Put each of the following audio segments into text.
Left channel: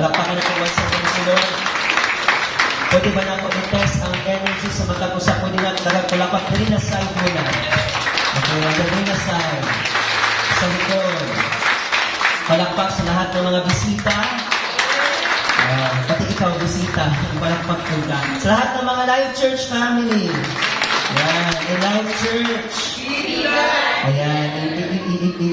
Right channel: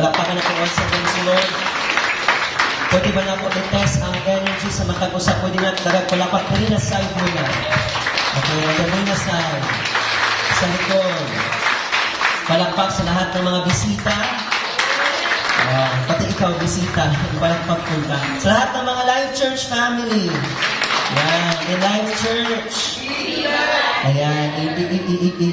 Palakpakan natin ang sa Lord. Pwede ba na po i-test ang energy sa matapusa? Pwede na palakpak po rin na side mo na. Okay, ito rin na side. Sa likod. Palakpak sa lahat ng mga bisita. Pati ikaw, bisita. Palakpak po ka. Sa lahat ng mga Life Church family. Ayan, in Life Church. Ayan,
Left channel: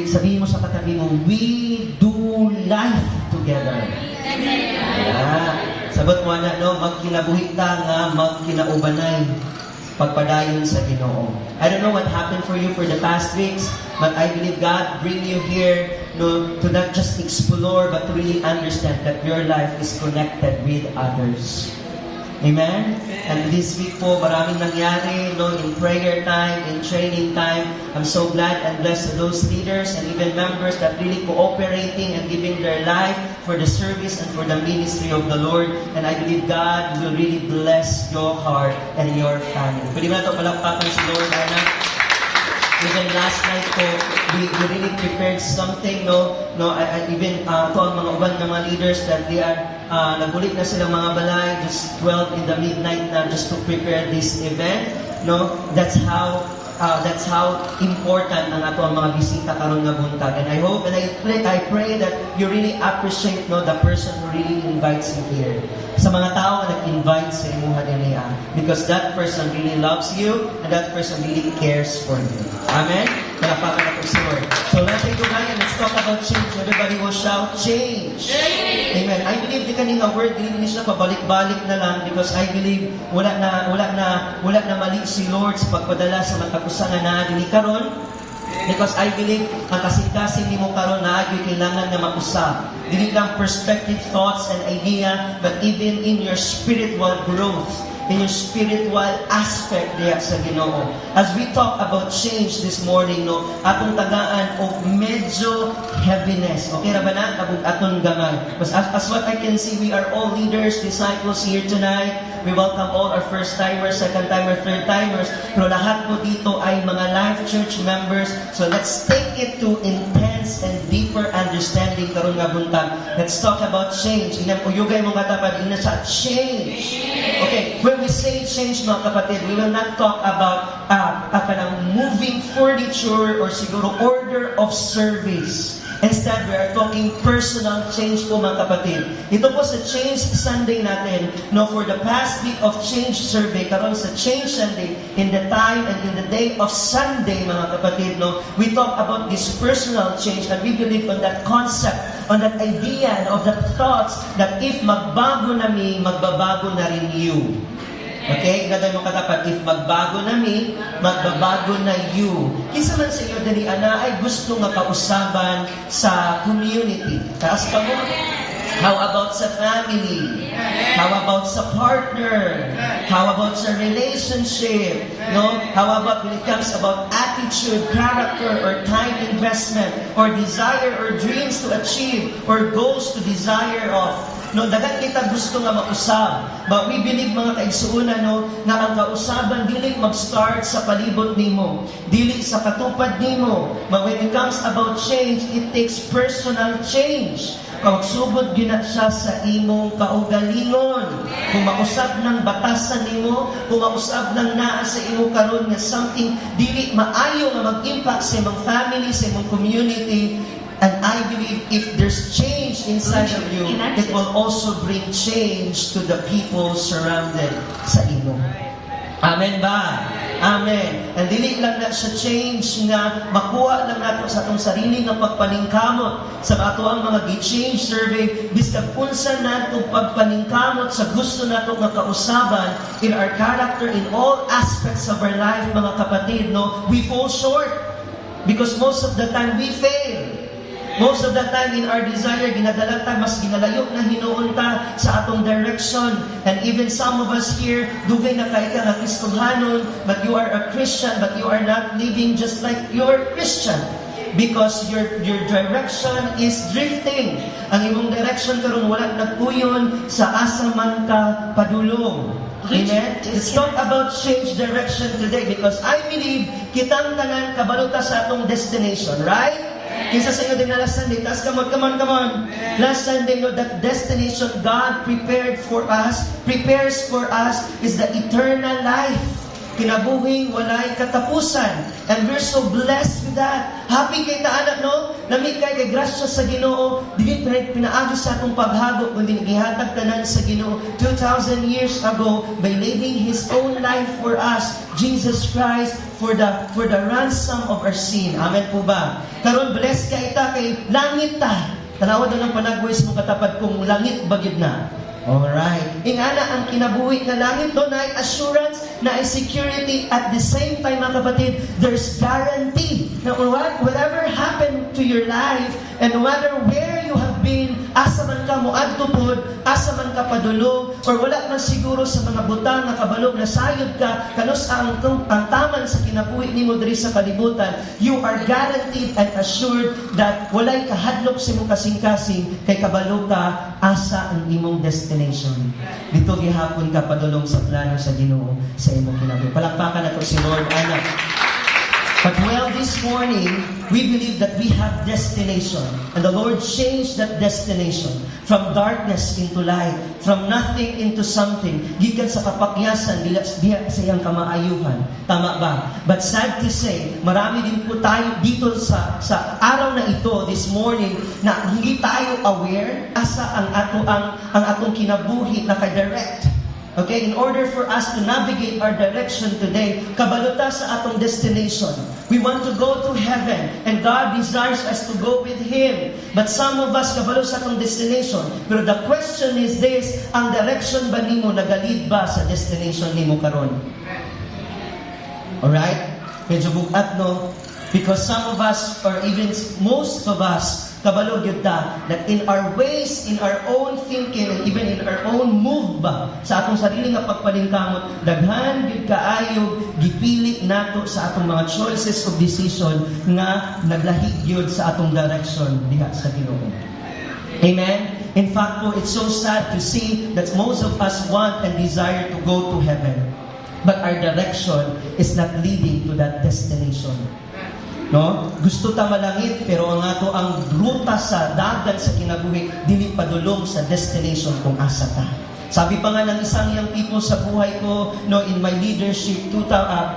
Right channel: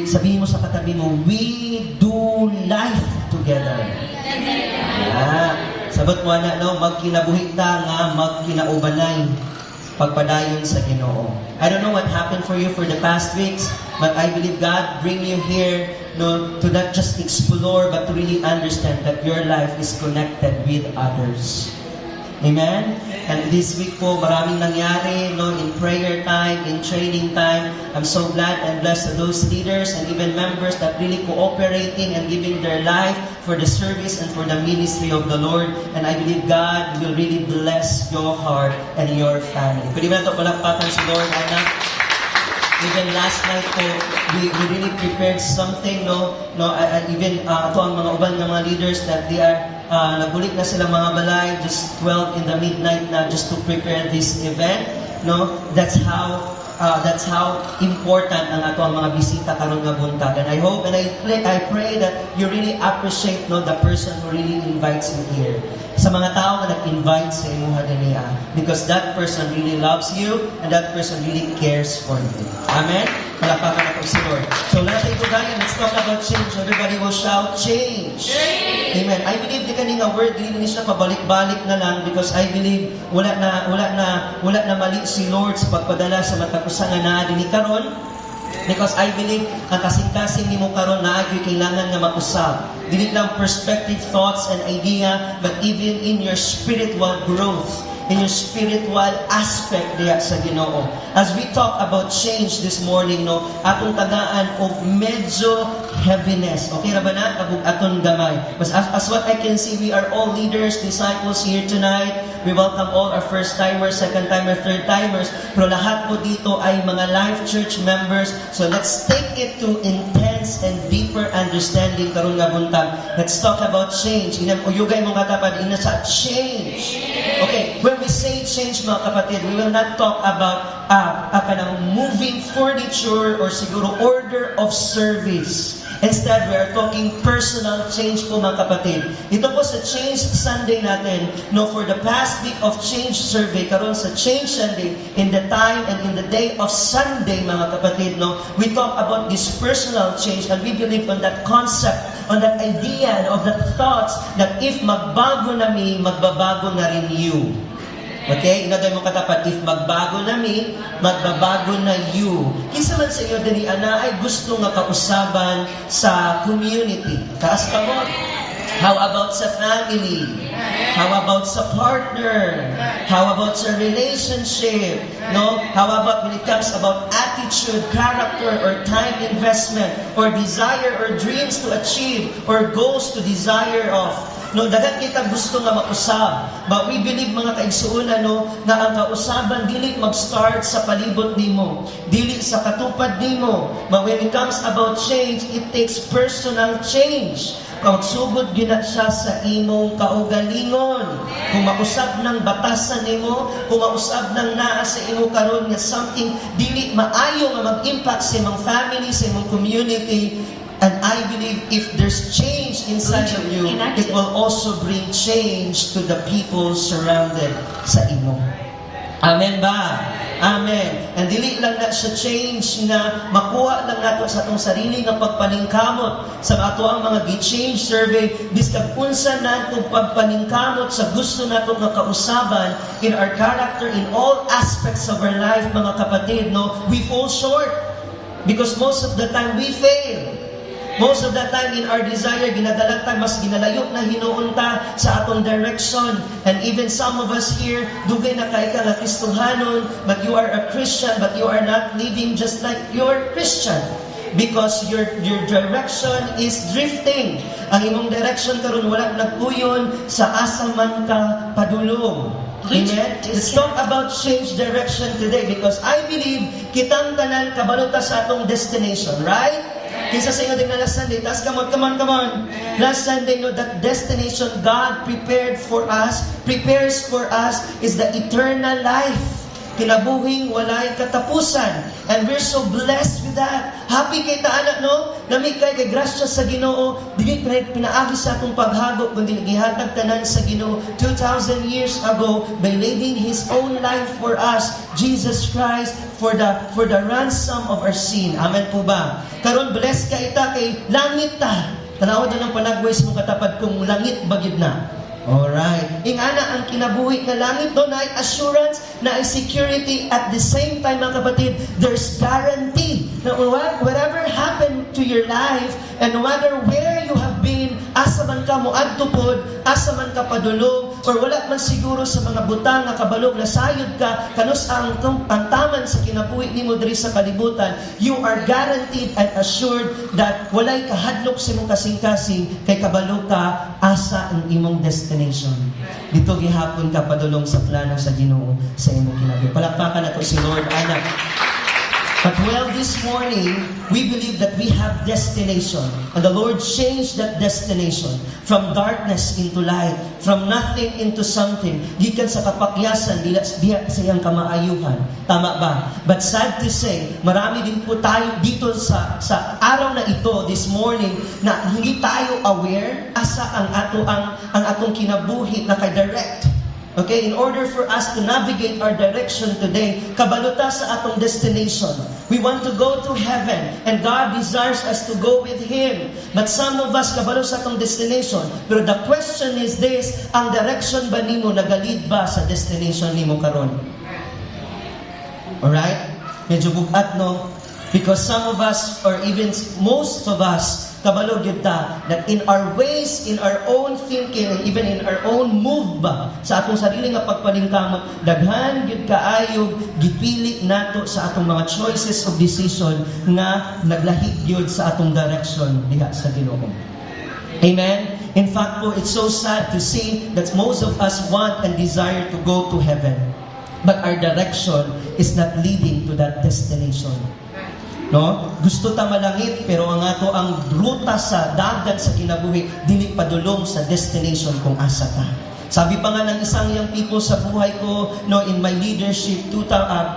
sabihin mo sa katabi mo, we do life together. Ayan. Sabot mo na, no? Magkinabuhi ta nga, magkinaubanay. Pagpadayon sa Ginoo. I don't know what happened for you for the past weeks, but I believe God bring you here, no, to not just explore, but to really understand that your life is connected with others. Amen? And this week po, maraming nangyari, no, in prayer time, in training time. I'm so glad and blessed to those leaders and even members that really cooperating and giving their life for the service and for the ministry of the Lord. And I believe God will really bless your heart and your family. Pwede ba ito palakpakan si Lord, Ana? Even last night po, we really prepared something, no? Even ito ang mga uban ng mga leaders that they are nagulik na silang mga balay just 12 in the midnight na just to prepare this event, no? That's how important ang ato ang mga bisita karon nga buntag. And I hope and I pray that you really appreciate, no, the person who really invites you here. Sa mga tao na nag-invite sa imuha niya, because that person really loves you and that person really cares for you. Amen? Palakpakan na po si Lord. So let's say today, let's talk about change. Everybody will shout, change! Amen. I believe di kaninga word, hindi siya pabalik-balik na lang because I believe wala na mali si Lord sa pagpadala sa matapusan na naadili karon. Because I believe ang kasing-kasing ni mo karon na ay kailangan na mausap. Dili lang perspective, thoughts, and idea, but even in your spiritual growth, in your spiritual aspect diya sa Ginoo. As we talk about change this morning, no, atong tagaan og medyo heaviness. Okay ra ba na? Atong gamay. As what I can see, we are all leaders, disciples here tonight. We welcome all our first-timers, second-timers, third-timers. Pero lahat po dito ay mga Life Church members. So let's take it to intense and deeper understanding karon nga buntag. Let's talk about change. Inang uyugay mo katapad, ina sa change. Okay, when we say change mga kapatid, we will not talk about moving furniture or siguro order of service. Instead, we are talking personal change po mga kapatid. Ito po sa Change Sunday natin, no, for the past week of Change Survey, karon sa Change Sunday, in the time and in the day of Sunday mga kapatid, no, we talk about this personal change and we believe on that concept, on that idea of that thoughts that if magbago na mi, magbabago na rin you. Okay? Inaday mo katapat, if magbago na mi, magbabago na you. Kisa man sa iyo, dali, ana, ay gusto nga kausaban sa community. Taas ka mo. How about sa family? How about sa partner? How about sa relationship? No? How about when it comes about attitude, character, or time investment, or desire, or dreams to achieve, or goals to desire of? No, dagat kita gusto nga mausab. But we believe mga kaigsuuna, no, na ang kausaban dili mag-start sa palibot nimo, dili sa katupad nimo. But when it comes about change, it takes personal change. Magsugod gina siya sa imong kaugalingon. Kung mausab ng batasan nimo, kung mausab ng naa sa imo karon nga something dili maayo nga mag-impact sa imong family, sa imong community. And I believe if there's change inside of you, it will also bring change to the people surrounded sa imo. Amen ba? Amen. And dili lang na siya change na makuha lang nato sa atong sarili nga pagpaningkamot sa ato ang mga gi-change survey, bisan unsa nato pagpaningkamot sa gusto nato nga kausaban in our character, in all aspects of our life mga kapatid, no, we fall short because most of the time we fail. Most of the time in our desire, ginadalata, mas ginalayok na hinuunta sa atong direction. And even some of us here, dugay na kay ka na Kristohanon, but you are a Christian, but you are not living just like you are Christian. Because your direction is drifting. Ang imong direction karon wala nagpuyon sa asa man ka padulong. Amen? Let's talk about change direction today because I believe kitang tanan kabalota sa atong destination, right? Kinsa sa inyo din na last Sunday? Taas, come on. Last Sunday, no, that destination God prepared for us, prepares for us, is the eternal life. Kinabuhing walay katapusan. And we're so blessed with that. Happy kay taana, no? Nami kay grasya sa Ginoo. Dili pinaagi sa atong paghagop kundi gihatag tanan sa Ginoo 2,000 years ago by laying His own life for us, Jesus Christ, for the ransom of our sin. Amen po ba? Karon blessed ka ita kay langit ta. Tanawad na lang panagwes mo katapat kung langit bagid na. Alright. Ingana ang kinabuhi na langit doon ay assurance, na ay security. At the same time, mga kapatid, there's guarantee na whatever happened to your life and no matter where you have been, asa man ka mo adtupod, asa man ka padulong, or wala man siguro sa mga butang na kabalog na sayod ka, kanus ang taman sa kinabuhi nimo diri sa kalibutan, you are guaranteed and assured that walay kahadlok sa imong kasing-kasing kay kabalo ka asa ang imong destination. Dito gihapon ka padulong sa plano sa Ginoo sa imong kinabuhi. Palakpakan nato si Lord anak. But well, this morning, we believe that we have destination. And the Lord changed that destination from darkness into light, from nothing into something. Gikan sa kapakyasan, diya sa iyang kamaayuhan. Tama ba? But sad to say, marami din po tayo dito sa araw na ito, this morning, na hindi tayo aware asa ang atong kinabuhi na ka-direct. Okay, in order for us to navigate our direction today, kabaluta sa atong destination. We want to go to heaven, and God desires us to go with Him. But some of us, kabalo sa atong destination. Pero the question is this, ang direction ba nimo nagalid ba sa destination nimo karon? Alright? Medyo bukat, no? Because some of us, or even most of us, kabalo gyud ta that in our ways, in our own thinking, and even in our own move ba sa atong sarili nga pagpaningkamot, daghan gyud kaayo gipili nato sa atong mga choices of decision nga naglahig gyud sa atong direction diha sa Ginoo. Amen. In fact, it's so sad to see that most of us want and desire to go to heaven, but our direction is not leading to that destination. No? Gusto ta malangit pero ang ato ang ruta sa dagat sa kinabuhi dili padulong sa destination kung asa ta. Sabi pa nga ng isang young people sa buhay ko, no, in my leadership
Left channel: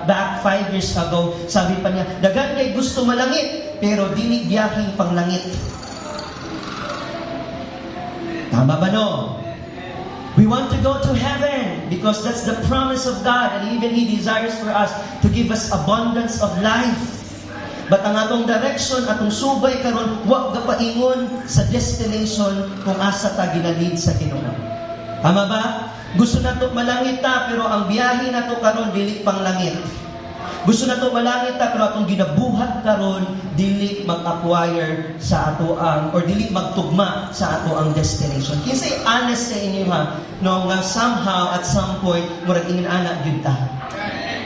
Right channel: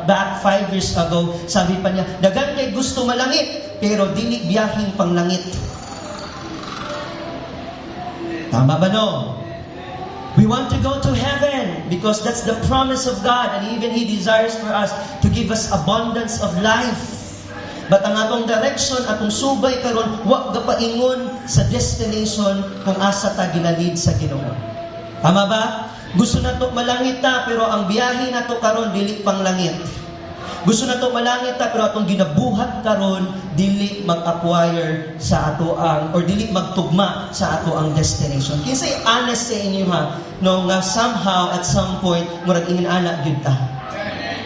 back 5 years ago, sabi pa niya, dagan kay gusto malangit pero dili biyahing panglangit. Tama ba no? We want to go to heaven because that's the promise of God, and even He desires for us to give us abundance of life. But ang atong direction, atong subay karon, wa gapaingon sa destination kung asa ta ginalid sa Ginoo. Tama ba? Gusto nato malangit ta pero ang biyahe nato karon dili pang langit. Gusto nato malangit ta pero atong ginabuhat karon dili mag-acquire sa ato ang or dili magtugma sa ato ang destination. Kinsay honest sa inyo ha, no, nga somehow at some point murag ingin ana gyud ta.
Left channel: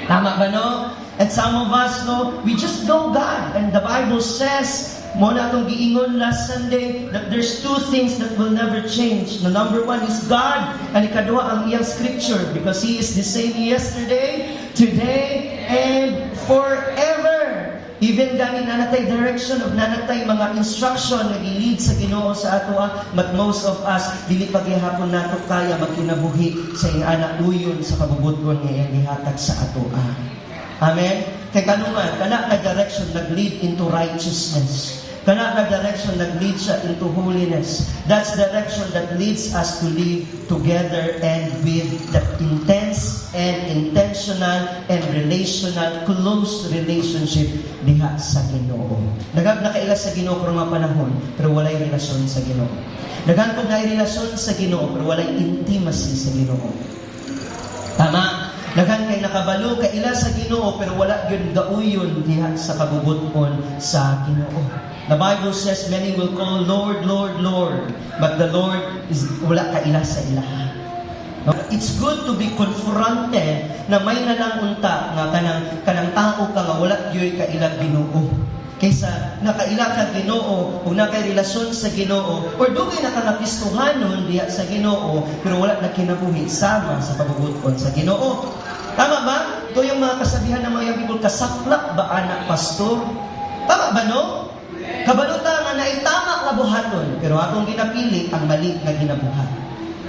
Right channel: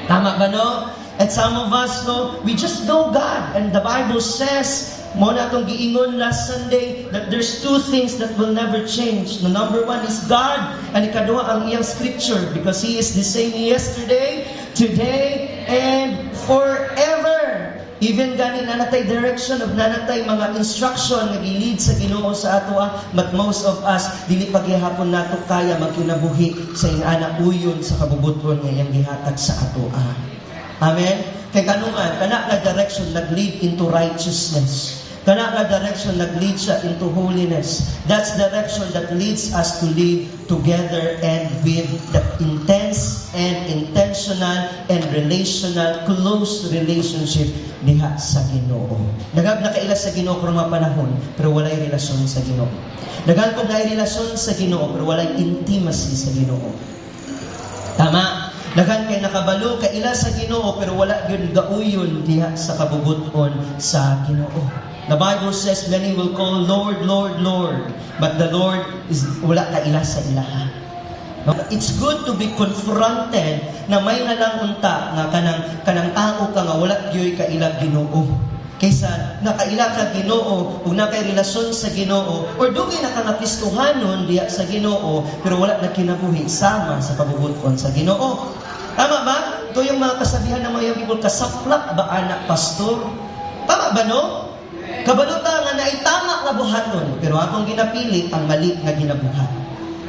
Tama ba no? And some of us, no, we just know God. And the Bible says, mo na itong giingon last Sunday, that there's two things that will never change. The number one is God, and ikaduha ang iyang scripture, because He is the same yesterday, today, and forever. Even gani nanatay direction of nanatay mga instruction nga gi-lead sa Ginoo sa ato, but most of us dili pa gihapon nato kaya magkinabuhi sa iyang uyon sa kabubuton nga iyang gihatag sa ato. Amen? Kaya kanuman, kana ka direction nag-lead into righteousness. Kana ka direction nag-lead siya into holiness. That's direction that leads us to live together and with the intense and intentional and relational, close relationship diha sa Ginoo. Daghan na kaila sa Ginoo pero mga panahon, pero walay relasyon sa Ginoo. Daghan ko na relasyon sa Ginoo pero walay intimacy sa Ginoo. Tama? Daghan kay nakabalo kay ila sa Ginoo pero wala gyud gauyon diha sa kabubuton sa Ginoo. The Bible says many will call Lord, Lord, Lord, but the Lord is wala ka ila sa ilaha. It's good to be confronted na may nalang unta nga kanang tao ka nga wala gyud ka ila Ginoo. Kaysa nakaila ka Ginoo ug nakay relasyon sa Ginoo or dugay na ka nakistuhanon diha sa Ginoo pero wala na kinabuhi sama sa kabubuton sa Ginoo. Tama ba? Ito yung mga kasabihan ng mga people, kasaplak ba anak pastor? Tama ba no? Kabaluta nga naitama nga buhaton, pero akong ginapili ang mali nga ginabuhat.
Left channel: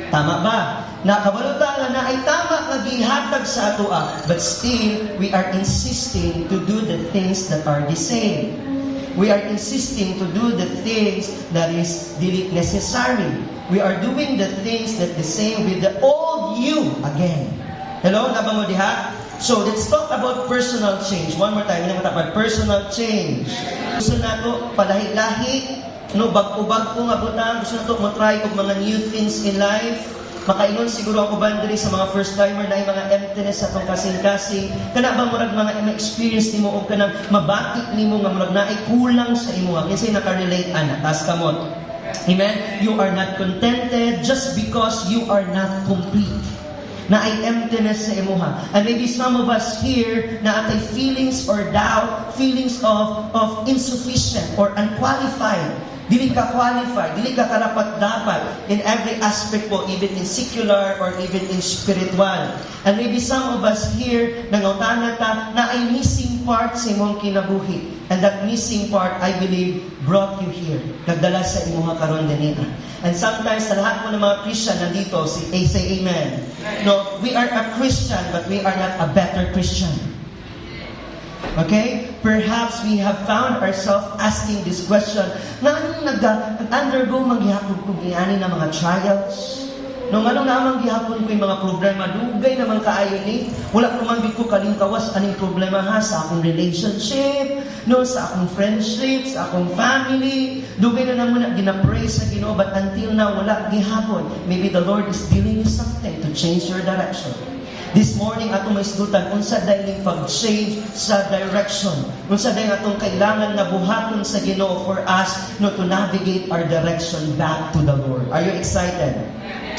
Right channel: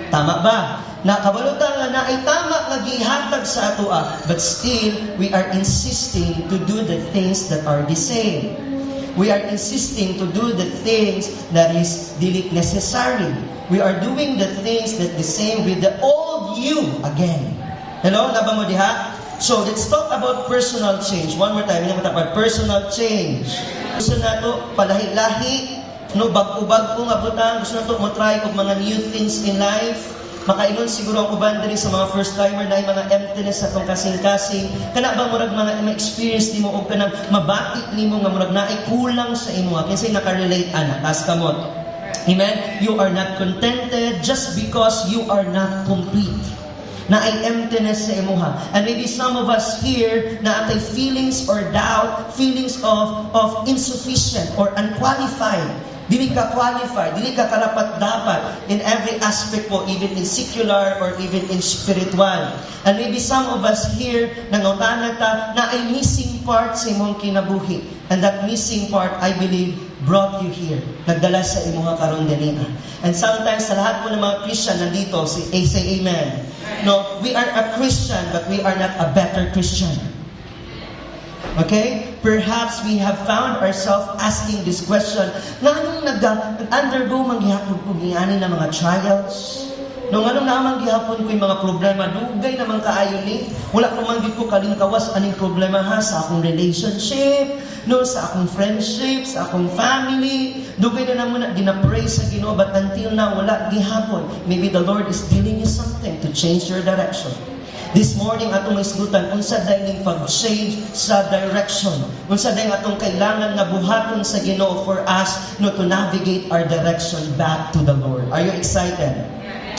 Tama ba? Na kabaluta nga naitama nga gihatag sa atoa, but still we are insisting to do the things that are the same. We are insisting to do the things that is dili necessary. We are doing the things that the same with the old you again. Hello, naba mo diha? So, let's talk about personal change. One more time, we about personal change. Gusto na ito, palahi-lahi, no, bag-ubag ko nga butang, gusto na ito mo try kung mga new things in life. Makaingon siguro ang uban diri sa mga first timer dahil mga emptiness sa kung kasing-kasing. Kana ba murag mga experience nimo o kanang mabati nimo nga murag naay kulang sa imo. Kinsay naka-relate ana, taas kamot. Amen? You are not contented just because you are not complete. Na ay emptiness sa imuha. And maybe some of us here na atay feelings or doubt, feelings of insufficient or unqualified. Dili ka qualified, dili ka karapat-dapat in every aspect po, even in secular or even in spiritual. And maybe some of us here, nangutana ta, na ay missing part sa imong kinabuhi. And that missing part, I believe, brought you here. Nagdala sa imuha karon dinina. And sometimes, sa lahat po ng mga Christian nandito, say amen. No, we are a Christian, but we are not a better Christian. Okay? Perhaps we have found ourselves asking this question, nga anong nag-undergo maghihapon ko giyani ng mga trials? No, nga anong naman gihapon ko yung mga problema? Dugay naman kaayo ni. Wala ko man ko kalingkawas aning problema ha sa akong relationship, no, sa akong friendship, sa akong family. Dugay na naman na ginapray sa Ginoo, but until now, wala gihapon. Maybe the Lord is dealing you something to change your direction. This morning, atong isgutan, unsa day ning pag-change sa direction. Unsa day atong kailangan nga buhaton sa Ginoo for us no, to navigate our direction back to the Lord. Are you excited?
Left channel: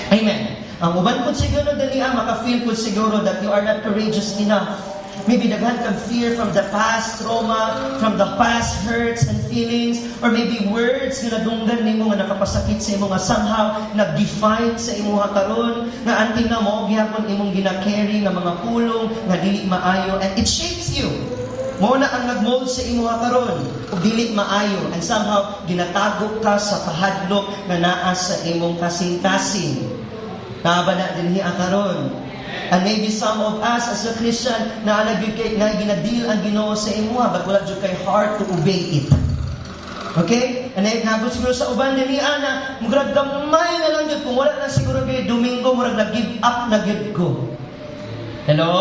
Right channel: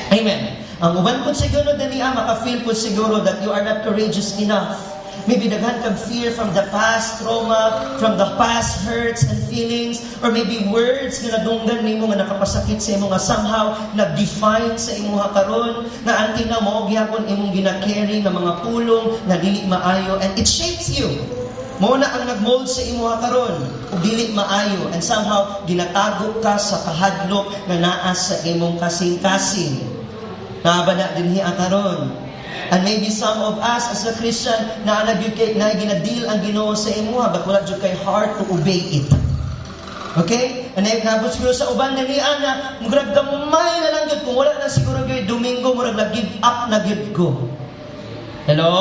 Amen. Ang uban ko siguro daniya, maka-feel ko siguro that you are not courageous enough. Maybe daghan kang fear from the past trauma, from the past hurts and feelings, or maybe words nga nadunggan nimo nga nakapasakit sa imo nga somehow nag-define sa imo karon nga until na mo gihapon imong gina-carry nga mga pulong nga dili maayo and it shapes you. Mao na ang nag-mold sa imo karon ug dili maayo and somehow ginatago ka sa kahadlok nga naa sa imong kasing-kasing. Nabana dinhi karon. And maybe some of us as a Christian na ginadil ang Ginoo sa imuha but wala jud kay heart to obey it. Okay? And nabot siguro sa uban dali ana, murag gamay na lang gud kung wala na siguro kay Domingo murag nag-give up na gid ko. Hello?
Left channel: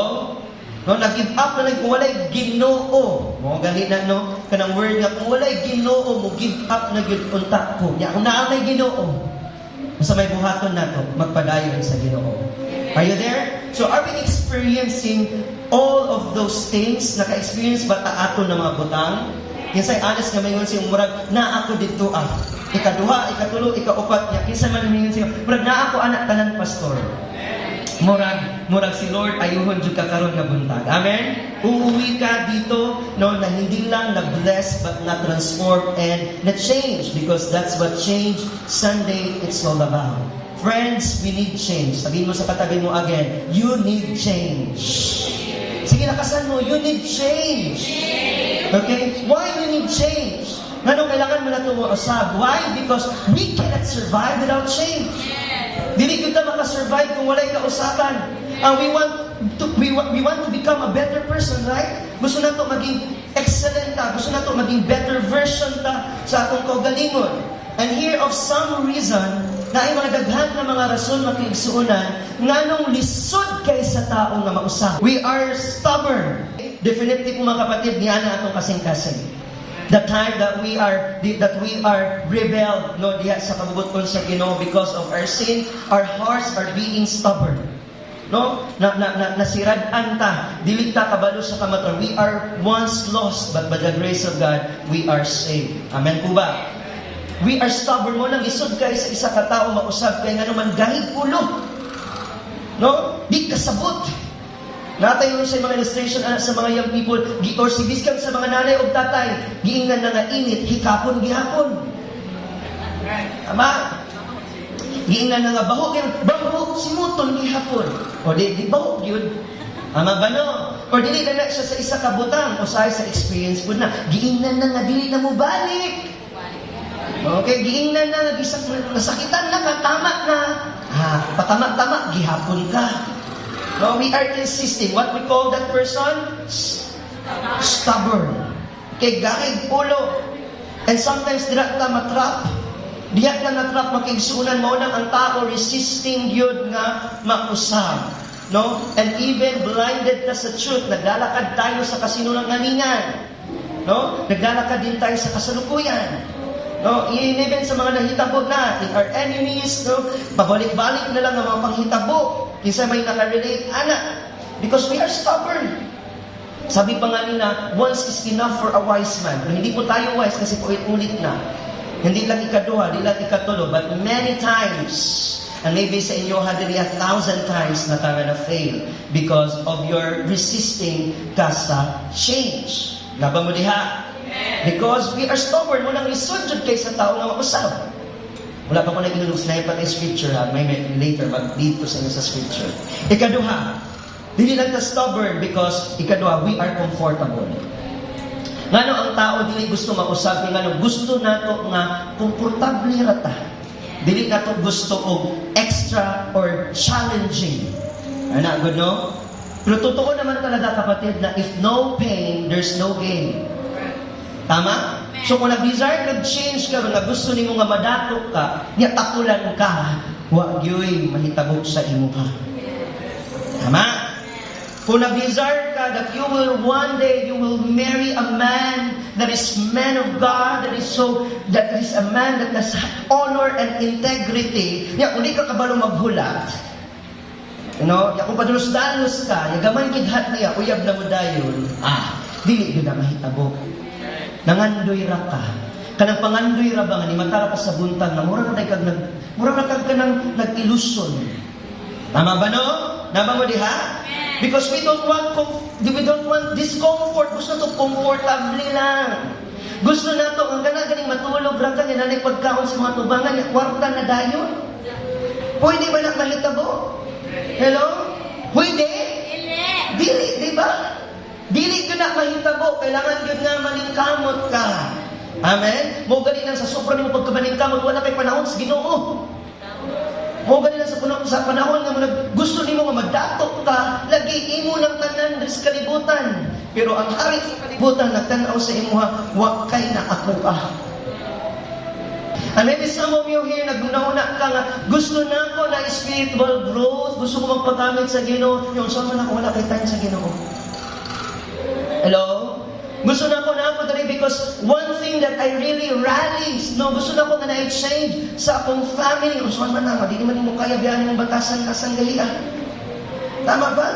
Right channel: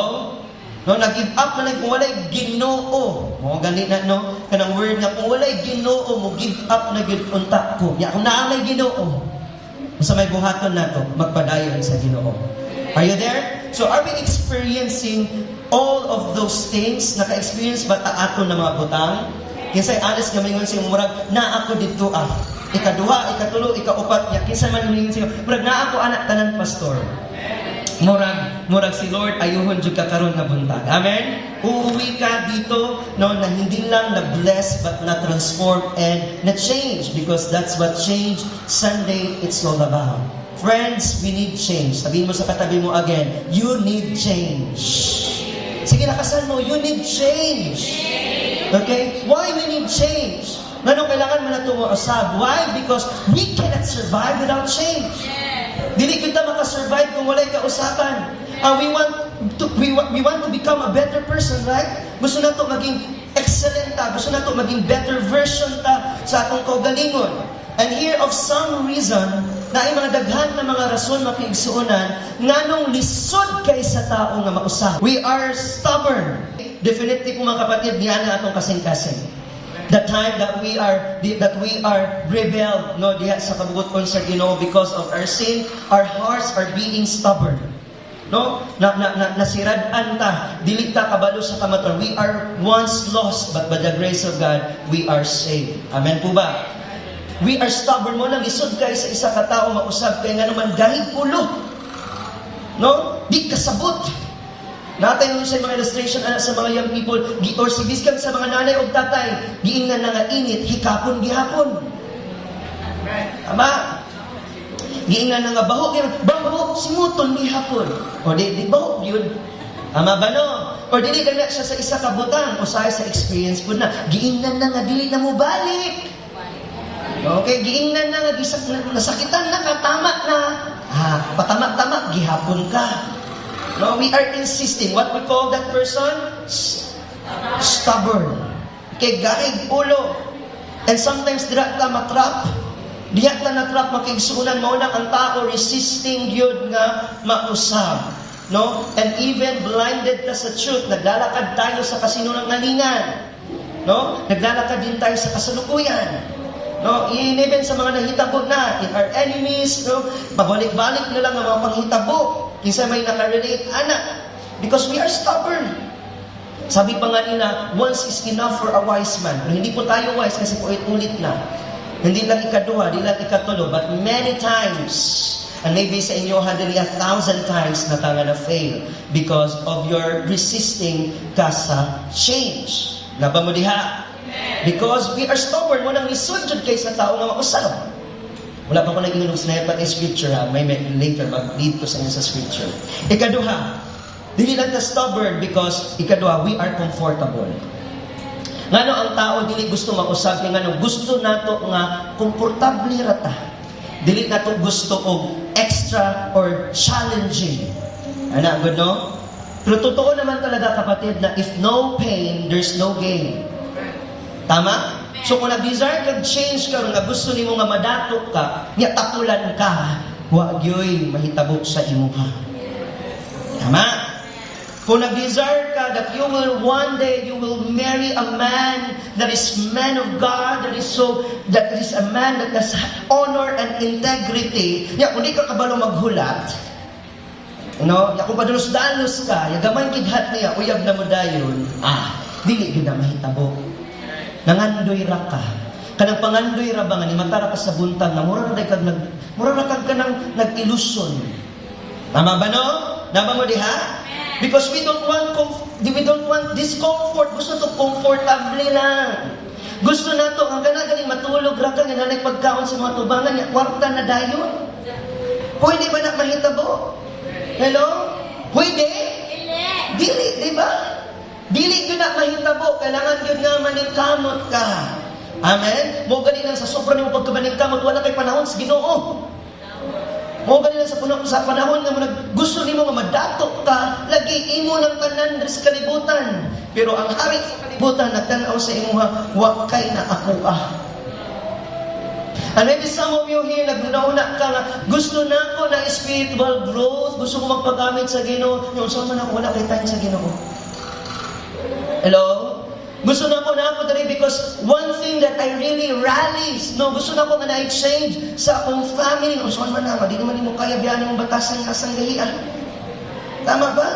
No, nag-give up na kung wala Ginoo. Mo gali na no kanang word nga kung wala Ginoo mo give up na gid unta ko. Ya kung naa na Ginoo. Sa may buhaton nato magpadayon sa Ginoo. Are you there? So are we experiencing all of those things? Naka-experience ba ta ato ng mga butang? Kinsay honest nga mayon siyang murag na ako dito ikaduha, ikatulo, ikaupat niya. Kinsay man mayon siya murag na ako anak tanan pastor. Murag si Lord ayuhon jud ka karon nga buntag. Amen. Uuwi ka dito no na hindi lang na-bless but na-transform and na-change because that's what change Sunday it's all about. Friends, we need change. Sabihin mo sa katabi mo again, you need change. Sige, nakasan mo, you need change. Okay? Why we need change? Ganun kailangan mo na ito usab. Why? Because we cannot survive without change. Dili kita makasurvive kung walay kausapan. We want to become a better person, right? Gusto na ito maging excellent ta. Gusto na ito maging better version ta sa atong kaugalingon. And here of some reason, na ay mga daghan na mga rason makiigsuunan nga nung lisod kay sa tao nga mausap. We are stubborn. Definitely po mga kapatid, diyan na atong kasing-kasing. The time that we are rebelled no diha sa pagbuton sa Ginoo because of our sin, our hearts are being stubborn. No? Nasirad-an ta, dili ta kabalo sa kamaturan. We are once lost, but by the grace of God, we are saved. Amen po ba? We are stubborn mo lang isod kay sa isa ka tao mausab kay nga naman gahig ulo. No? Di kasabot. Natay yung sa mga illustration sa mga young people, or sibiskan sa mga nanay o tatay, giingnan na nga init, hikapon gihapon. Tama? Giingnan na nga baho, simutol gihapon. O di baho yun. Ama ba no? O dili na siya sa isa ka butang, o sa experience po na, giingnan na nga, dili na mo balik. Okay, giingnan na, nasakitan na, tama na. Patama-tama, gihapon ka. No, we are insisting. What we call that person? Stubborn. Okay, gaig, ulo. And sometimes, dirat ka matrap. Diya ka natrap, makigsunan mo na ang tao, resisting yun nga mausap. No? And even blinded ka sa truth, naglalakad tayo sa kasinungalingan. No? Naglalakad din tayo sa kasalukuyan. No? Even sa mga nahitabo na, in our enemies, no? Babalik-balik na lang ang mga panghitabo. Kinsa may nakarelate, anak. Because we are stubborn. Sabi pa nga nila, once is enough for a wise man. Pero hindi po tayo wise kasi po ulit na. Hindi lang ikaduha, hindi lang ikatulo, but many times, and maybe sa inyo, 1,000 times na ka na fail because of your resisting ka sa change. Laba mo diha? Because we are stubborn, mo nang isudjud kay sa tao nga mausap. Wala pa ko nag-inom sniper ng scripture, ha? May later, mag-lead ko sa inyo sa scripture. Ikaduha, dili lang ta stubborn because ikaduha, we are comfortable. Ngano ang tao dili gusto mausap, ngano gusto nato nga komportable rata. Dili nato gusto og extra or challenging. Ana good no? Pero totoo naman talaga kapatid na if no pain, there's no gain. Tama? So kung nag-desire, nag-change ka, nga gusto nimo nga madatok ka, nya takulan ka, wa gyoy mahitabo sa imo ka. Tama? Kung nag-desire ka that you will one day, you will marry a man that is man of God, that is a man that has honor and integrity. Ya, kung di ka kabalo maghulat, kung padalos-dalos ka, yagamay gidhat niya, uyab na mo dayon, dili yun na mahitabo. Nangandoy ra ka. Kanang pangandoy ra ba nga ni matara ka sa buntag na mura na kag nag-illusion. Tama ba no? Naba mo diha? Because we don't want discomfort. Gusto to comfortable lang. Gusto na to ang ganing matulog ra ka nga na pagkaon sa mga tubangan ya kwarta na dayon. Pwede ba na mahitabo? Hello? Pwede? Dili, di ba? Dili ko na mahitabo, kailangan yun nga maningkamot ka. Amen? Mo gani lang sa sobra nimo pagkamaningkamot, wala kay panahon sa Ginoo. Mo gani lang sa panahon nga gusto nimo nga madatok ka, lagi imo ng tanan sa kalibutan. Pero ang hari sa kalibutan nagtanaw sa imuha, wa kay na ako And maybe some of you here, naguna-una ka nga, gusto na ko na spiritual growth, gusto ko magpagamit sa Ginoo. Yung saan na ko, wala kay time sa Ginoo. Hello? Gusto na ko dali because one thing that I really rallies, gusto na ko nga na-change sa akong family. Gusto man na, di naman mo kaya biyanin ng batasan nga sanggahian. Tama ba?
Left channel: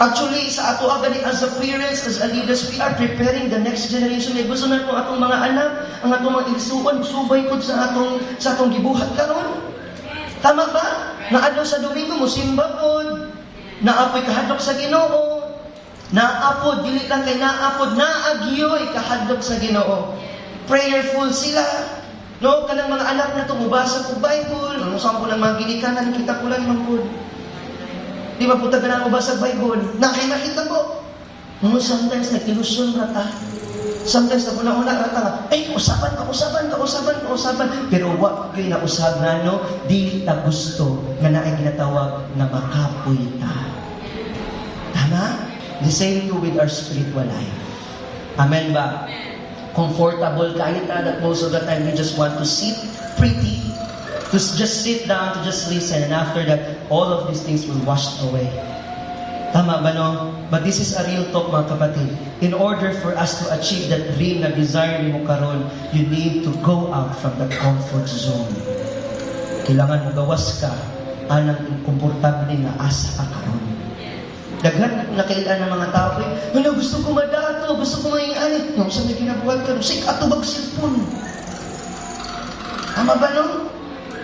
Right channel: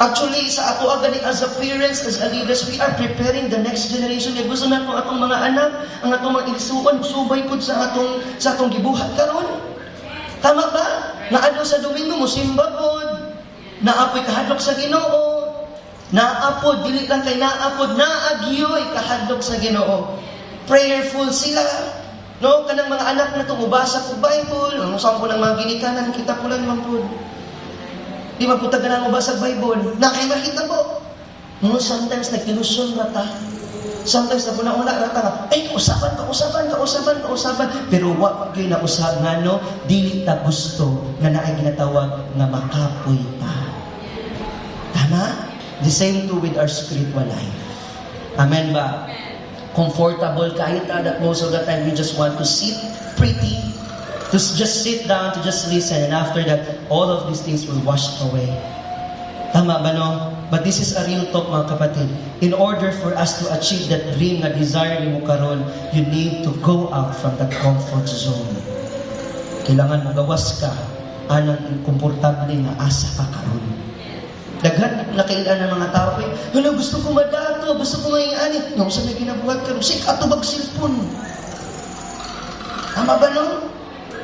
Actually, sa ato agad as a parents, as a leaders, we are preparing the next generation. Gusto na ko atong mga anak, ang atong mga igsuon, subay po sa atong gibuhat karon. Tama ba? Naadlaw sa Domingo mo, simba po. Naapoy kahadlok sa Ginoo. Naapod, dili lang kay naapod, naagyoy kahadlok sa Ginoo. Prayerful sila. Kanang mga anak na ito, mubasa ko Bible. Saan po ng mga ginikanan, kita ko lang man po. Di ba po taga na mubasa Bible? Nakimahita po. Sometimes nag-illusion na ta. Sometimes na po na rata nga, usapan. Pero wag kayo na usap na, dili ta gusto nga na ay ginatawag na makapoy ta. Tama? The same too with our spiritual life. Amen ba? Comfortable kahit na that most of the time we just want to sit pretty, to just sit down, to just listen, and after that, all of these things will wash away. Tama ba no? But this is a real talk mga kapatid. In order for us to achieve that dream na desire ni mo karon, you need to go out from that comfort zone. Kailangan mo gawas ka anang komportable na asa ka karon. Daghan na kailan ng mga tao, gusto ko madato, gusto ko maingani. Yung sa may ginabuhat ka, say, atubag cellphone. Tama ba no?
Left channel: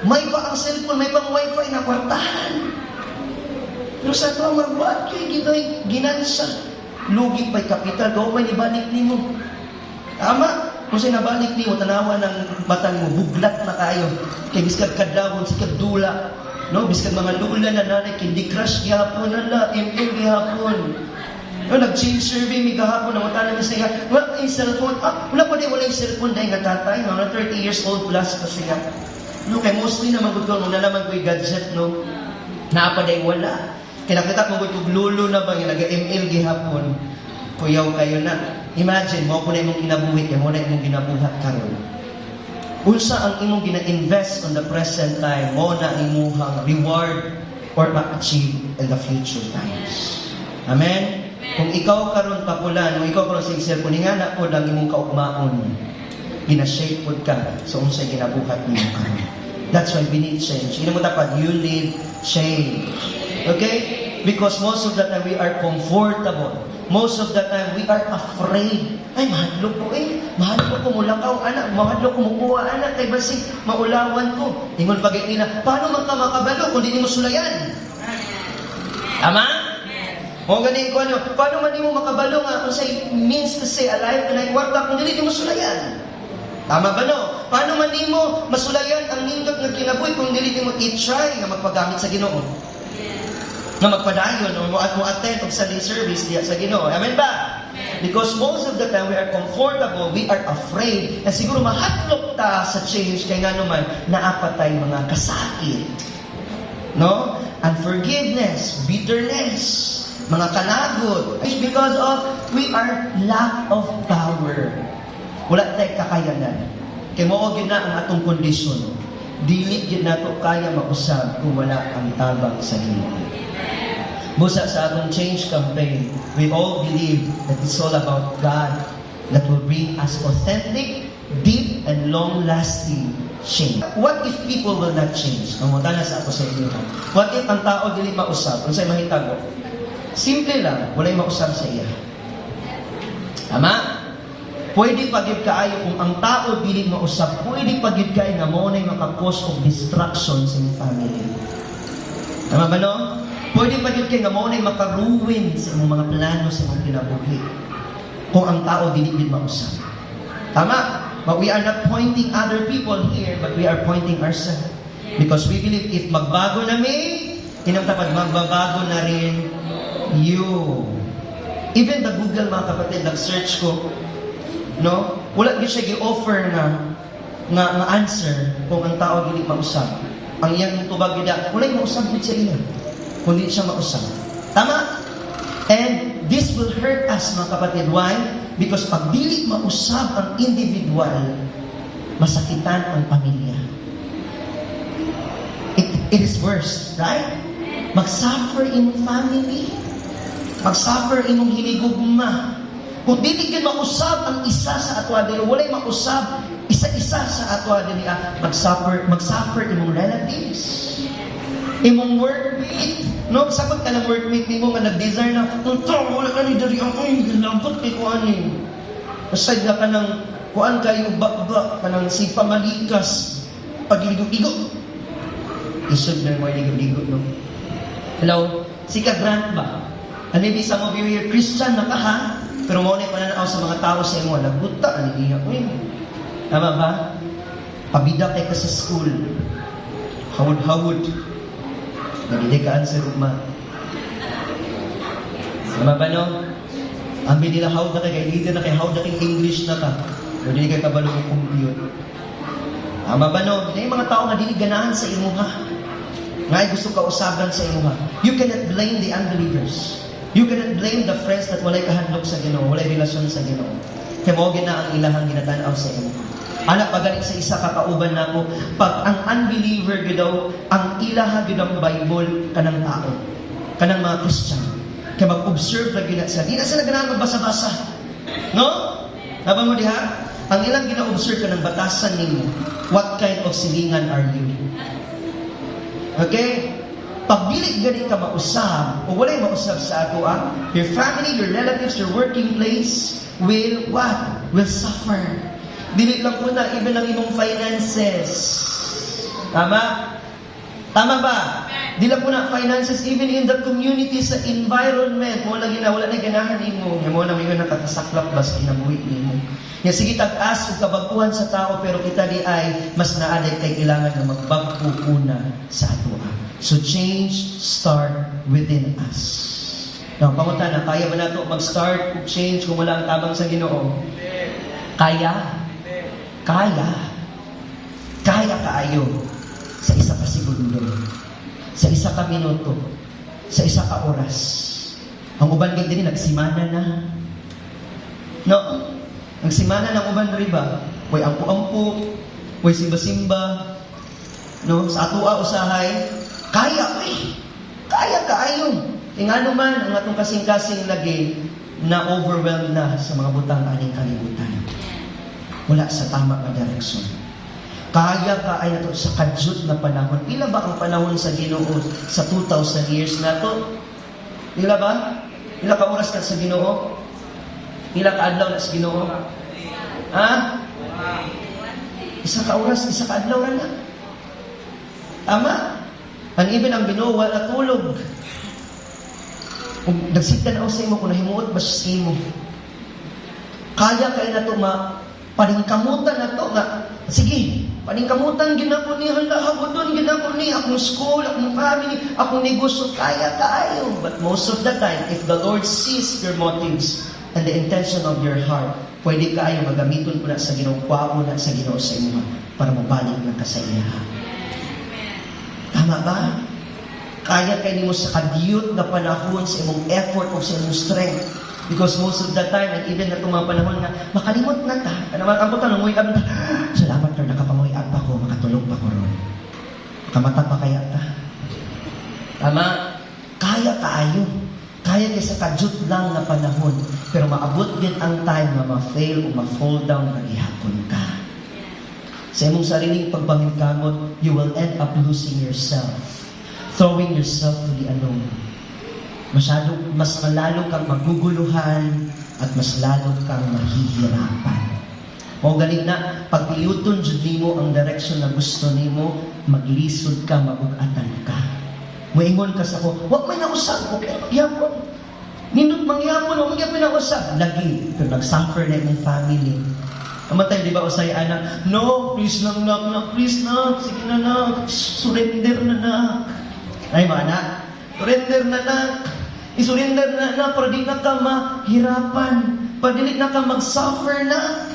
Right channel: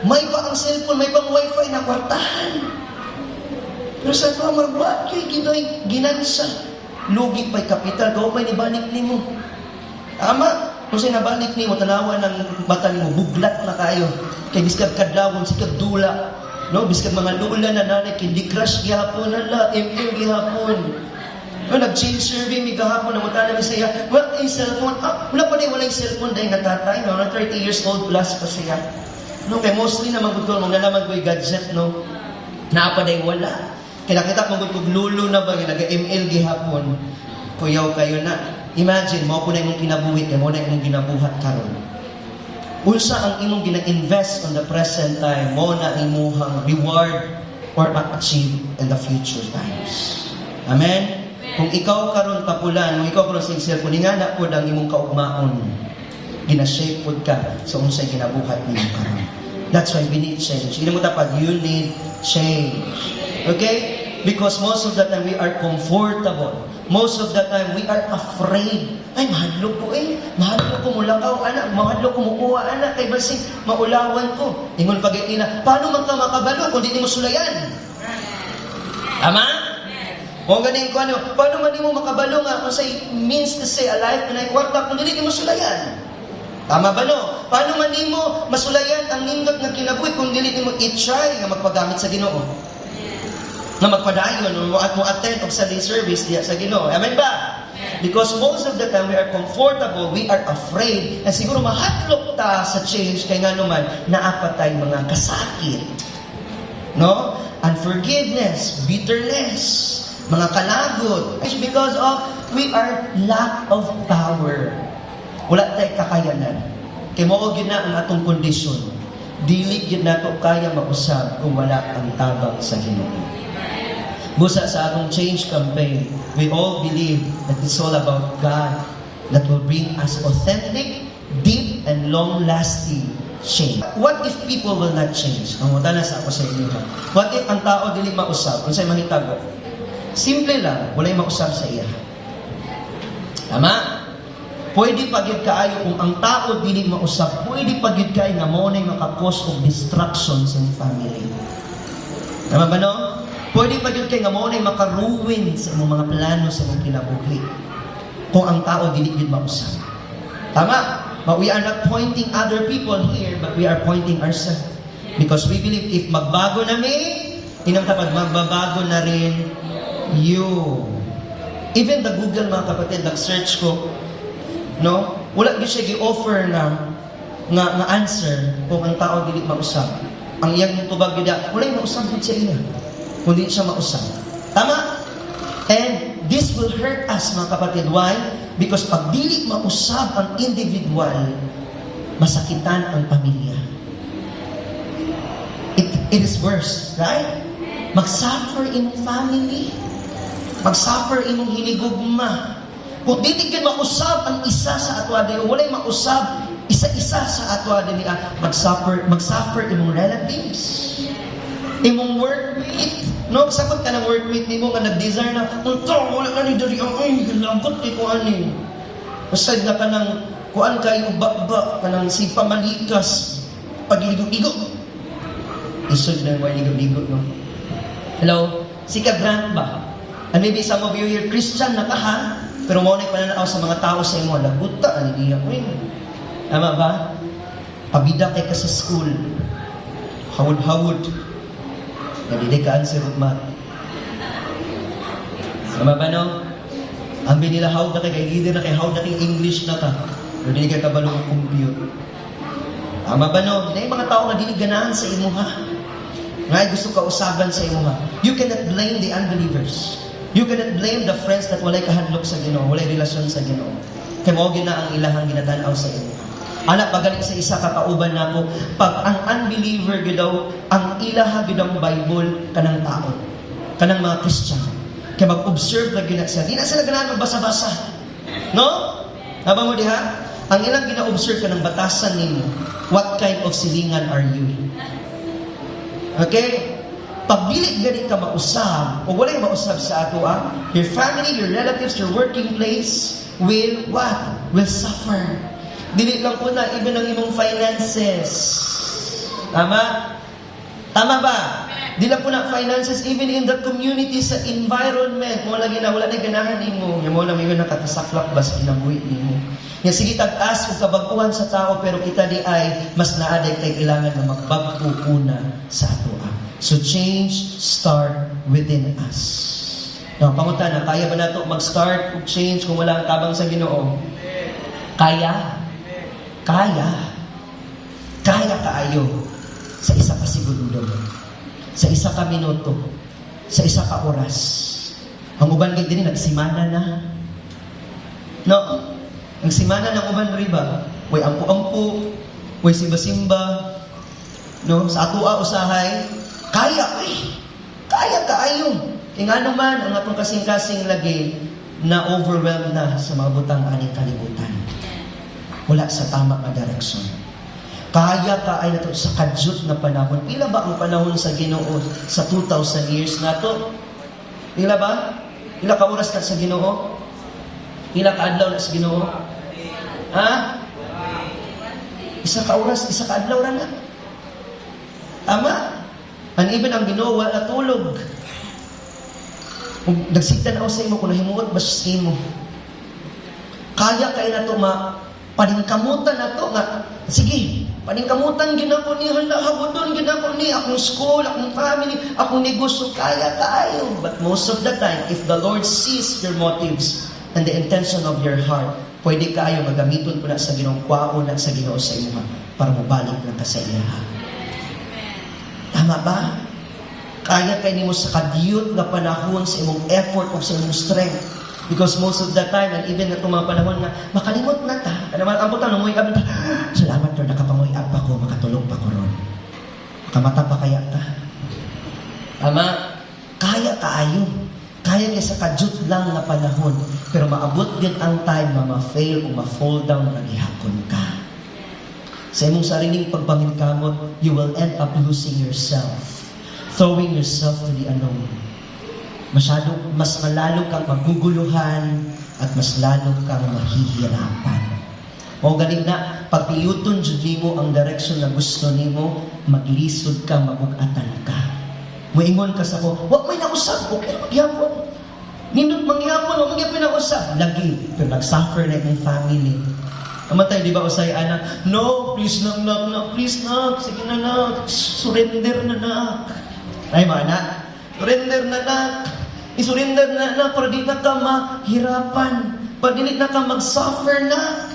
May pa ang cellphone, may pang wifi na kwartahan. Pero sa ito, magbuhat kayo, ginansa. Lugi pa'y kapital, gawa may nibalik ni mo. Tama? Kung sinabalik ni mo, tanawa ng mata mo, buglat na kayo. Kaya biskag kadawon, sikag dula. Biskag mga lula na nanay, hindi crush gihapon, ML gihapon. No, nag-change survey, may kahapon, namutanan niya siya, wala yung cellphone, wala pa din, wala yung cellphone dahil nagtatay, no, na 30 years old plus pa siya. No, kaya mostly naman ko, nung nalaman ko yung gadget, no, naapaday wala. Kaya nakita ko kung lulo na ba, yung nag-ML gihapon, kuyaw kayo na. Imagine, mo po na imong kinabuhi, kaya mo na imong ginabuhat karon. Unsa ang imong gina-invest on the present time, mo na imong reward or ma-achieve in the future times. Amen? Kung ikaw karon papulan, kung ikaw karon sa cellphone, nga na po ang imong kaugmaon, ginashape po ka sa unsay ginabuhat niyo karon. That's why we need change. Hindi mo dapat, you need change. Okay? Because most of the time we are comfortable. Most of the time we are afraid. Ay, mahadlo ko mahadlo ko mulakaw, anak. Mahadlo ko mukuha, anak. Kay basig, maulawan ko. Ingon pagiti na, paano man ka makabalo kung di mo sulayan? Tama? O ganin ko ano, paano man di mo makabalo nga kung say means to say alive like what kung di mo sulayan? Tama ba no? Paano man di mo masulayan ang nindot nga kinabuhi kung di mo i-try nga magpagamit sa Ginoo? Na magpadayon o attend of Sunday service diya sa Ginoo. Amen ba? Because most of the time we are comfortable, we are afraid, and siguro mahatlok ta sa change kay nga naman naapatay mga kasakit. No? Unforgiveness, bitterness, mga kalagot. It's because of we are lack of power. Wala tayo kakayanan. Kaya mo ko na ang atong kondisyon. Dili gid nato kaya mausab kung wala ang tabang sa Ginoo. Busa sa akong change campaign, we all believe that it's all about God that will bring us authentic, deep, and long-lasting change. What if people will not change? Mamunta na sa ako sa inyo. What if ang tao dili mausab? Kung sa'yo mahitago? Simple lang, wala'y mausab sa iya. Tama? Pwede pagid kaayo kung ang tao dili mausab, pwede pagid kaayo nga mo na'y maka-cause of distraction sa family. Tama ba no? Pwede pa yun kayo nga mo na'y makaruwin sa imong mga plano sa imong kinabuhi. Kung ang tao dili din mausap. Tama? But we are not pointing other people here, but we are pointing ourselves. Because we believe if magbago na inang kapag magbabago na rin you. Even the Google, mga kapatid, nag-search ko, no? Wala din siya gi-offer na answer kung ang tao dili mausap. Ang iyang tubag gida, wala yung mausap sa iya. Kung di siya mausap. Tama? And this will hurt us, mga kapatid. Why? Because pag dili mausap ang individual, masakitan ang pamilya. It is worse, right? Mag-suffer imong family. Mag-suffer imong hinigugma. Kung dili ka mausap ang isa sa atwa din, walay mausap isa-isa sa atwa din niya, mag-suffer imong relatives. Imong workmate, no? Sakot ka ng workmate ni mo nga nag-desire na, wala ka ni dari ako, gilabot kay kuhan ni. Usad na ka ng, kuhan kayo, bakba, ka ng si pamalikas, pag-ligo-ligo. Isod na mga ligo-ligo mo. Hello? Si ka-grant ba? And maybe some of you here, Christian na ka ha? Pero maunay ka na sa mga tao sa imo, laguta, hindi ako yun. Tama ba? Pabida kay ka sa school. Hawad-hawad. Hindi ka answer ugma. Sama ba no? Ambi nila hawd na kay leader na kay hawd na kay English na ka. Hindi ka kabalo ng compute. Tama ba no? Hindi mga tao nga dili ganahan sa imo ha. Ngay gusto ka usaban sa imo ha. You cannot blame the unbelievers. You cannot blame the friends that walay kahadlok sa Ginoo, walay relasyon sa Ginoo. Kay mao gina ang ilahang ginatan-aw sa imo. Anak, pagaling sa isa kakauban na ko, pag ang unbeliever gidaw, ang ilaha gidang Bible kanang tao, kanang mga Christian. Kaya mag-observe na gina sa, di na sila ganahan basa-basa. No? Nabang mo diha? Ang ilang gina-observe ka ng batasan ninyo, what kind of silingan are you? Okay? Pag dili gani ka mausab, o walay mausab sa ato, your family, your relatives, your working place will what? Will suffer. Dili lang po na, even ang imong finances. Tama? Tama ba? Dili lang po na finances, even in the community, sa environment. Kung wala na ganahan mo, yung mga namin nakatasaklap ba sa kinabuhi mo. Yan, sige, tag-as o kabaguhan sa tao, pero kita di ay mas naaday kay kailangan na magbago una sa ato. So change start within us. Pangutan na, kaya ba na ito mag-start, mag-change kung wala ang tabang sa Ginoo? Kaya. Kaya. Kaya kaayo. Sa isa ka segundo. Sa isa ka minuto. Sa isa ka oras. Ang uban kay din nagsimana na. No? Nagsimana ng uban riba. Way ampu-ampu, way simba-simba. No, sa atua usahay, kaya Kaya kaayo. Nga naman, ang atong kasing-kasing na-overwhelm na sa mga butang aning kalibutan. Wala sa tama na direksyon. Kaya ka ay nato sa kadyot na panahon. Pila ba ang panahon sa Ginoo sa 2,000 years na to? Pila ba? Pila ka oras na sa Ginoo? Pila ka adlaw na sa Ginoo? Ha? Isa ka oras, isa ka adlaw na. Tama? And even ang Ginoo wala tulog. Kung nagsigdan ako sa imo, kung nahimuot ba sa imo, kaya kayo na ito paningkamutan na ito nga, sige, paningkamutan ginako ni halahagudon, ginako ni akong school, akong family, akong negosyo, kaya tayo. But most of the time, if the Lord sees your motives and the intention of your heart, pwede kayo magamiton ko na sa Ginoo, kwao na sa Ginoo sa imo para mabalik na ka sa iya. Tama ba? Kaya kayo nimo sa kadiyot na panahon sa imong effort o sa imong strength. Because most of the time, and even na mga panahon na makalimot na ta, kada makabutan, nanguwi ka, salamat Lord, nakapanguwi pa ko, makatulog pa ko ron. Kamata pa kaya ta. Ama, kaya kaayo. Kaya kayo sa kadiyot lang na panahon. Pero maabot din ang time na ma-fail o ma-fall down na gihapon ka. Sa imong sariling pagbangin-kamot, you will end up losing yourself. Throwing yourself to the unknown. Mas malalo kang maguguluhan at mas lalo kang mahihirapan. O galing na, pagpiliuton jud nimo ang direksyon na gusto nimo, maglisod ka, mabugatan ka. Moingon ka sa ko, wag may nausap ko, yapon. Nindot mangyapon, wag may nausap. Lagi, pero nag-suffer na yung family. Amatay, di ba usay anak, no, please nak, please nak, sige na nak, surrender na nak. Ay mga anak, surrender na nak. Isurrender na para di na ka mahirapan. Para di na ka mag-suffer na.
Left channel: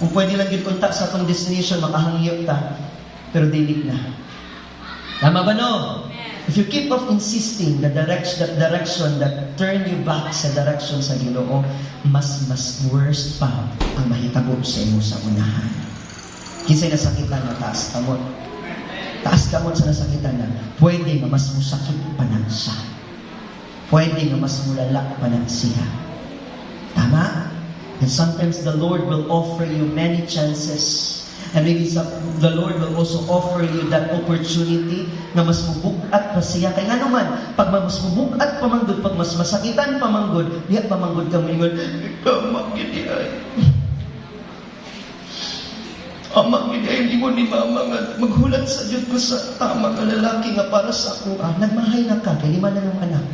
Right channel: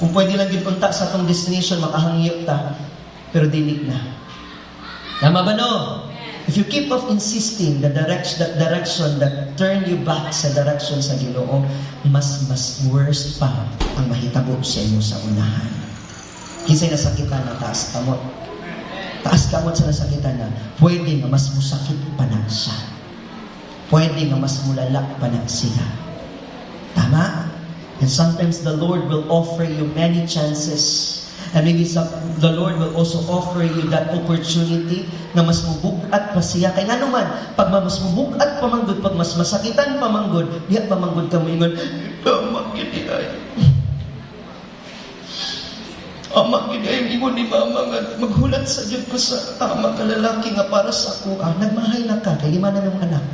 Kung pwede lang yung kontak sa atong destination, makahangyot ta. Pero dilig na. Tama ba no? If you keep off insisting that direction that turn you back sa direction sa Ginoo, mas worse pa ang mahitabo sa inyo sa unahan. Kinsay nasakitan na taas kamot. Taas kamot sa nasakitan na, pwede nga mas musakit pa na siya. Pwede nga mas mulala pa na siya. Tama? And sometimes the Lord will offer you many chances. And maybe the Lord will also offer you that opportunity na mas mubugat pa siya. Kaya nga naman, pag mas mubugat pa manggod, pag mas masakitan pa manggod, diya pa manggod ka mo ingon, Amak gini ay. Amak gini ay, hindi mo ni mama nga maghulat sa Diyos ko sa tama ka lalaki nga para sa ako. Nagmahay na ka, kay lima na ng anak.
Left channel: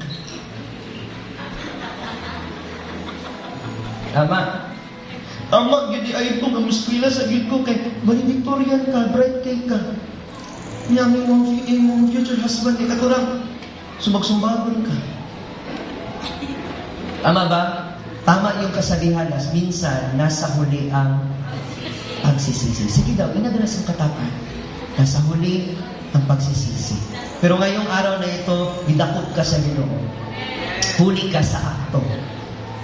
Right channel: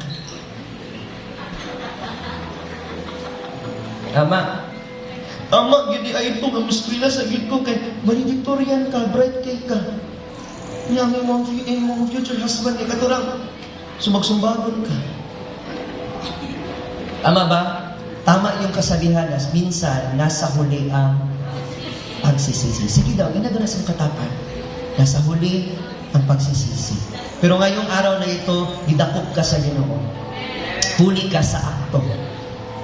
Tama. Ama, gini ay ito, mamuskila sa gito kay valedictorian ka, bright kay ka. Niyang imong future husband ni katurang sumagsumbagon ka. Tama ba? Tama yung kasabihan na minsan nasa huli ang pagsisisi. Sige daw, inadalas ang katapan. Nasa huli ang pagsisisi. Pero ngayong araw na ito, didakop ka sa Ginoo. Huli ka sa akto.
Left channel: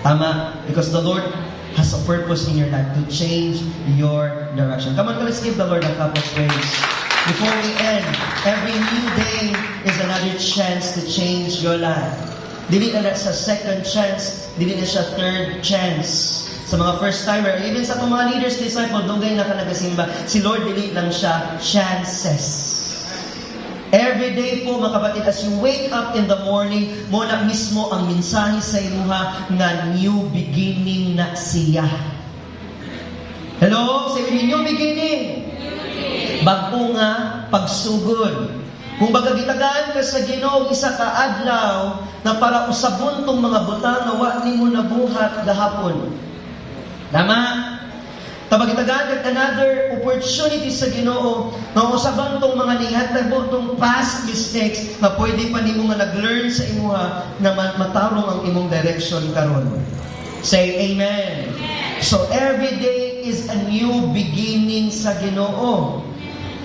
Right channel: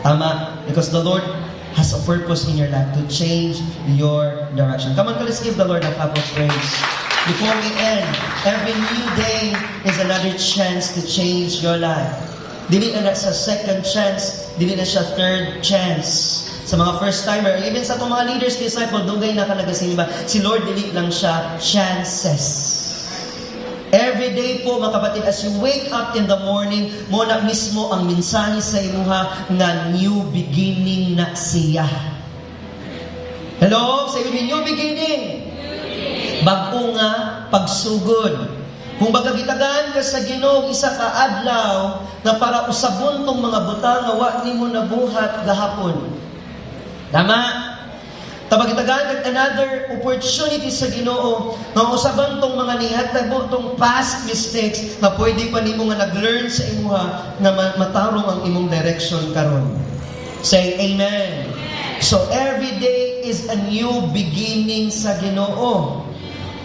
Tama? Because the Lord has a purpose in your life to change your direction. Come on, let's give the Lord a clap of praise. Before we end, every new day is another chance to change your life. Dili na sa second chance, dili na siya third chance. Sa mga first-timer, even sa mga leaders, disciple, dugay na ka nagasimba, si Lord dili lang siya chances. Every day po, mga kapatid, as you wake up in the morning, mo na mismo ang mensahe sa imuha na new beginning na siya. Hello? Say with me, new beginning. Bago nga, pagsugod. Kung baga gitagaan ka sa Ginoo, isa ka adlaw na para usabon tong mga butang na wa nimo nabuhat gahapon. Tama? Tabagitagan another opportunity sa Ginoo nga usaban tong mga nihatabo tong past mistakes na pwede pa nimo nga nag-learn sa imuha nga matawong ang imong direction karon. Say amen. So every day is a new beginning sa Ginoo.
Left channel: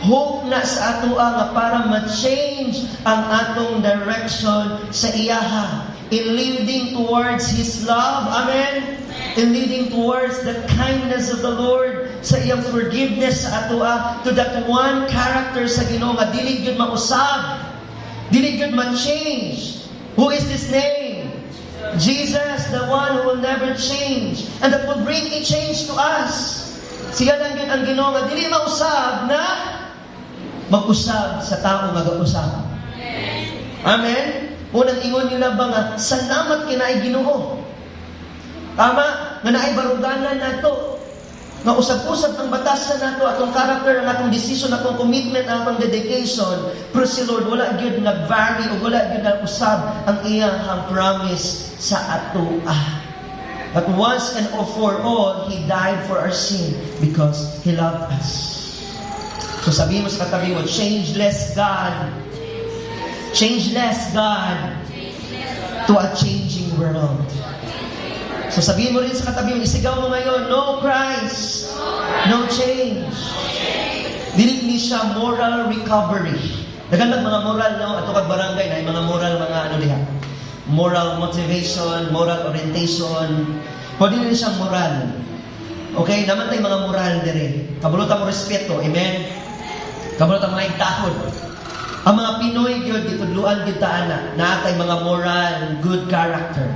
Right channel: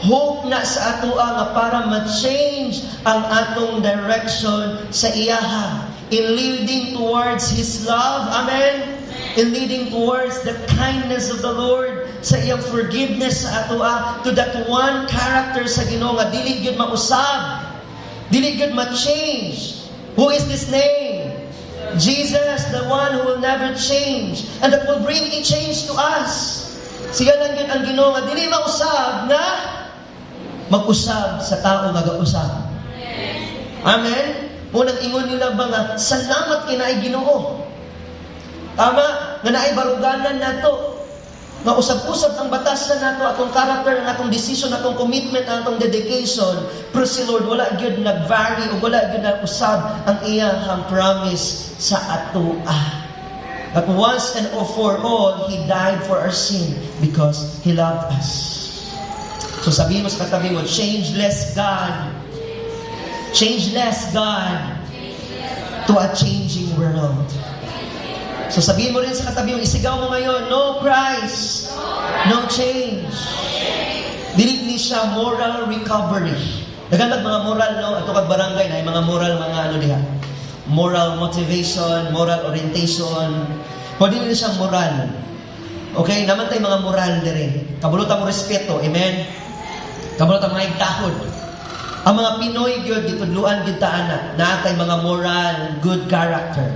Hope na sa ato nga para ma-change ang atong direction sa iyaha in leading towards His love. Amen. In leading towards the kindness of the Lord, sa iyang forgiveness sa ato to that one character sa Ginoo nga dili gyud mausab, dili gyud ma-change. Who is this name? Jesus, the one who will never change and that will bring a change to us. Siya lang gyud ang Ginoo nga dili mausab na mag-usab sa tao nga gausab. Amen. Unang ingon nila ba nga salamat kinaay Ginoo. Tama, nga naay baruganan nato. Nga usab-usab ang batasan nato, atong character, ang atong decision, atong commitment, atong dedication. Pero si Lord, wala gyud nag-vary o wala gyud nag-usab ang iyang promise sa ato. But once and for all, He died for our sin because He loved us. So sabihin mo sa katabi mo, changeless God. Changeless God to a changing world. So sabihin mo rin sa katabi mo, isigaw mo ngayon, no Christ, no change. Dili ni siya moral recovery. Nagandang mga moral, no? Ato kag barangay na yung mga moral mga ano diha. Moral motivation, moral orientation. Pwede nila siya moral. Okay, naman tayo mga moral dire. Kabulutan mo respeto, amen? Kabulutan mga igtahod. Ang mga Pinoy gyud gitudluan gyud ta ana, naa kay mga moral, good character.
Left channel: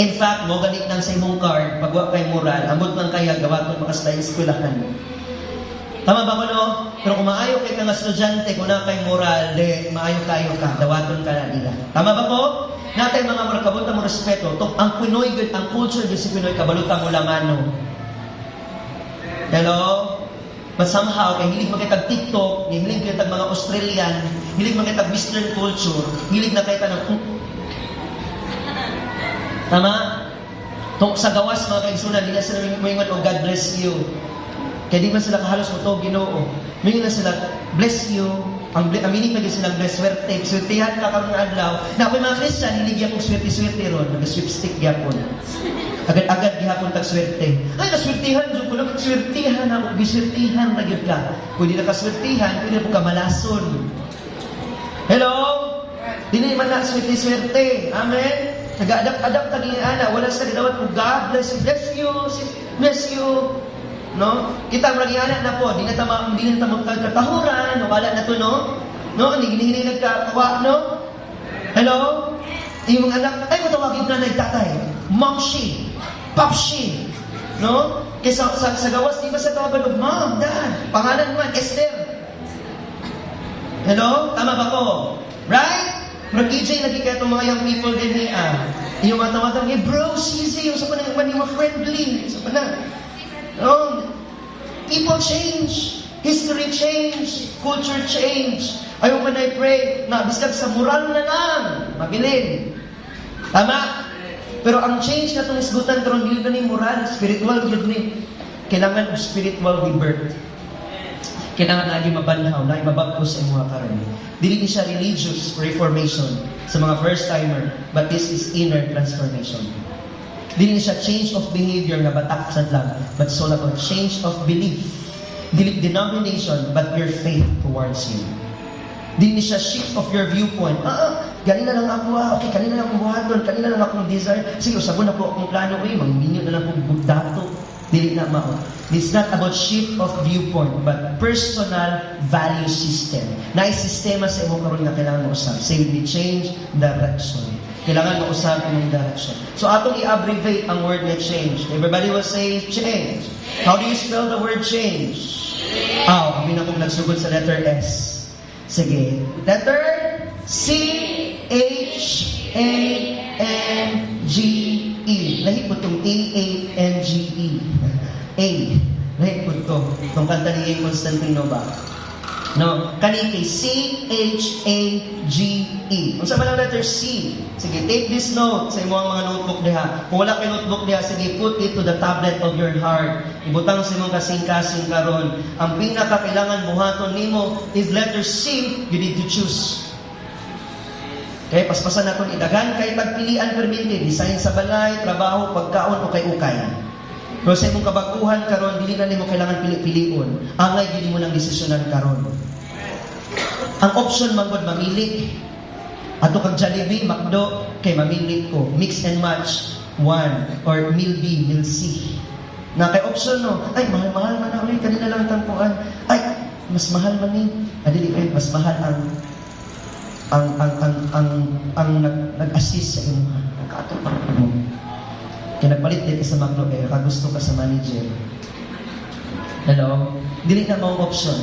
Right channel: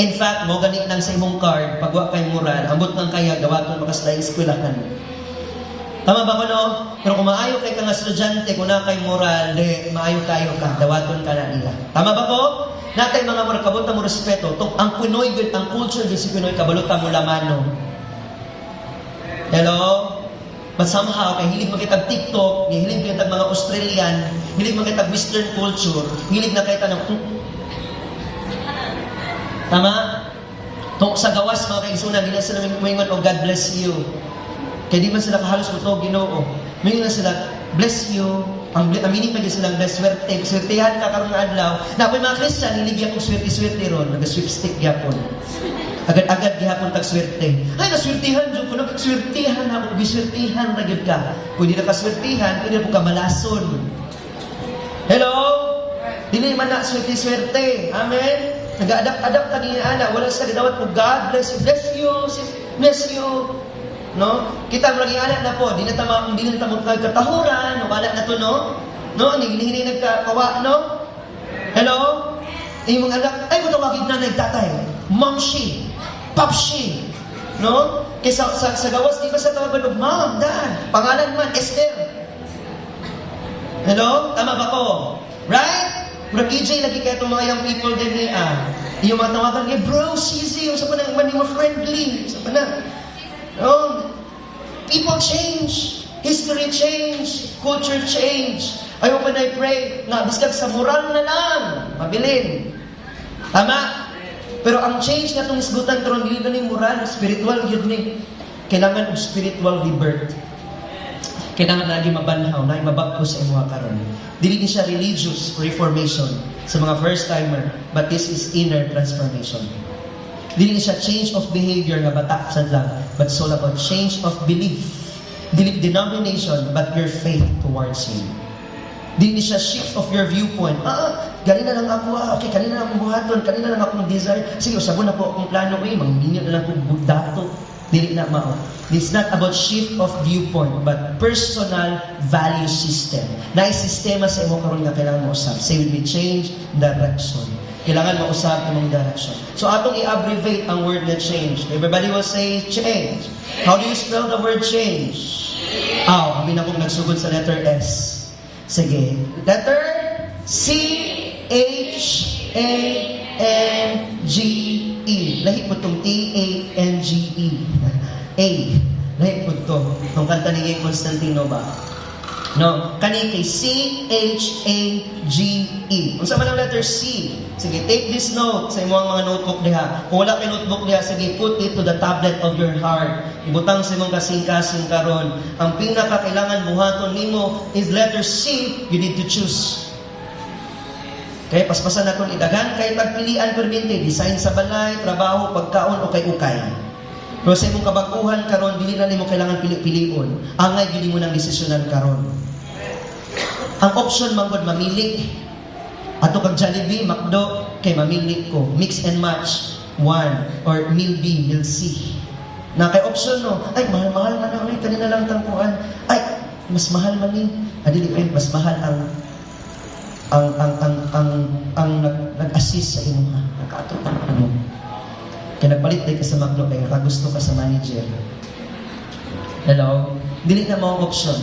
In fact, mo ganit nang sa imong card, pagwa kay moral, ambot man kaya gawaton makasday eskwelahan. Tama ba ko no? Pero kung maayo kay kang estudyante, kung na kay moral, maayo kayo ka, dawaton ka na nila. Tama ba ko? Natay mga moral, kabot mo respeto. Ang Pinoy gyud, ang culture gyud si Pinoy, kabalot mo lamano. Hello? But somehow, kay hilig mo kitag TikTok, hilig kitag mga Australian, hilig mo kitag Western culture, hilig na kita ng tama? Kung sa gawas mga kaigsunan, hindi na sila mingon o God bless you. Kaya di man sila kahalos mo ito, Ginoo. Mingon na sila, bless you. Ang meaning na silang bless, swerte. Swertihan ka karong adlaw. Na may mga Christian, hindi gyapon swerte-swerte ron. Nag-sweepstick gyapon. Agad-agad gyapon tag-swerte. Ay, naswertihan, Diyo ko nag-swertihan na, biswertihan na gyud ka. Kung di na kaswertihan, pwede po ka malason. Hello? Dili man na swerte-swerte. Amen? Nag-adapt-adapt ka niya, ana. Wala sa gidawat po, God bless you, bless you. No? Kita ang lagi anak na po, di na tamang katahuran, wala na to, no? No? Hini nagkakawa, no? Hello? Yung anak, ay, matawagin na nagtatay. Momshi, popshi. No? Kaya sa gawas, di ba sa tawagan, Mom, Dad, pangalan man, Esther. Hello? Tama ba ko? Right? Pero EJ, lagi kaya itong mga young people din niya. Yung mga tawagan niya, bro, sisi, yung sa panang mo friendly. Sa panang. People change. History change. Culture change. Ayaw pa na i-pray na biskag sa moral na lang. Mabilin. Tama? Pero ang change na itong isgutan karon dili ni moral, spiritual yun ni. Kailangan of spiritual rebirth. Kailangan lagi mabanhaw, lagi mabagto sa mga karon. Dili siya religious reformation sa mga first-timer, but this is inner transformation. Dili siya change of behavior na batak sa lang, but it's all about change of belief. Dili denomination, but your faith towards Him. Dili siya shift of your viewpoint. Ganina lang ako, okay, kanina lang akong buhaton, kanina lang akong desire. Sige, usabon na po akong plano, magminyo na lang akong budato. Dili na mao. It's not about shift of viewpoint, but personal value system. Na sistema sa imong karon nga kailangan mausab. Say with me, change direction. Kailangan mausab imong direction. So atong i-abbreviate ang word na change. Everybody will say change. How do you spell the word change? Kami na kung nagsugod sa letter S. Sige. Letter C-H-A-N-G-E. Lahi po itong A-A-N-G-E. A. Lahi po ito. Itong kanta ni Constantino ba? No, kani kay C-H-A-G-E. Unsa man ang letter C? Sige, take this note sa imong mga notebook diha. Kung wala kay notebook diha, sige, put it to the tablet of your heart. Ibutang sa imong kasing-kasing karon. Ang pinaka kailangan buhaton nimo is letter C. You need to choose. Okay, paspasan na kung idagan kay tagpilian permite, design sa balay, trabaho, pagkaon o kay ukay. Kung sa imong kabaguhan karon, dili na nimo kailangan pili-pilion. Angay gid mo nang desisyonan karon. Ang option manggod mamili. Ato kag Jollibee, McDo, kay mamili ko. Mix and match. One. Or meal B, meal C. Na kay option no, ay mahal-mahal man na, kanina lang tampuan. Ay, mas mahal man ni. Adili mas mahal ang nag-assist sa imo. Nagkatupang mo. Kaya nagpalit ka sa McDo, kaya kagusto ka sa manager. Hello? Dili na mga option.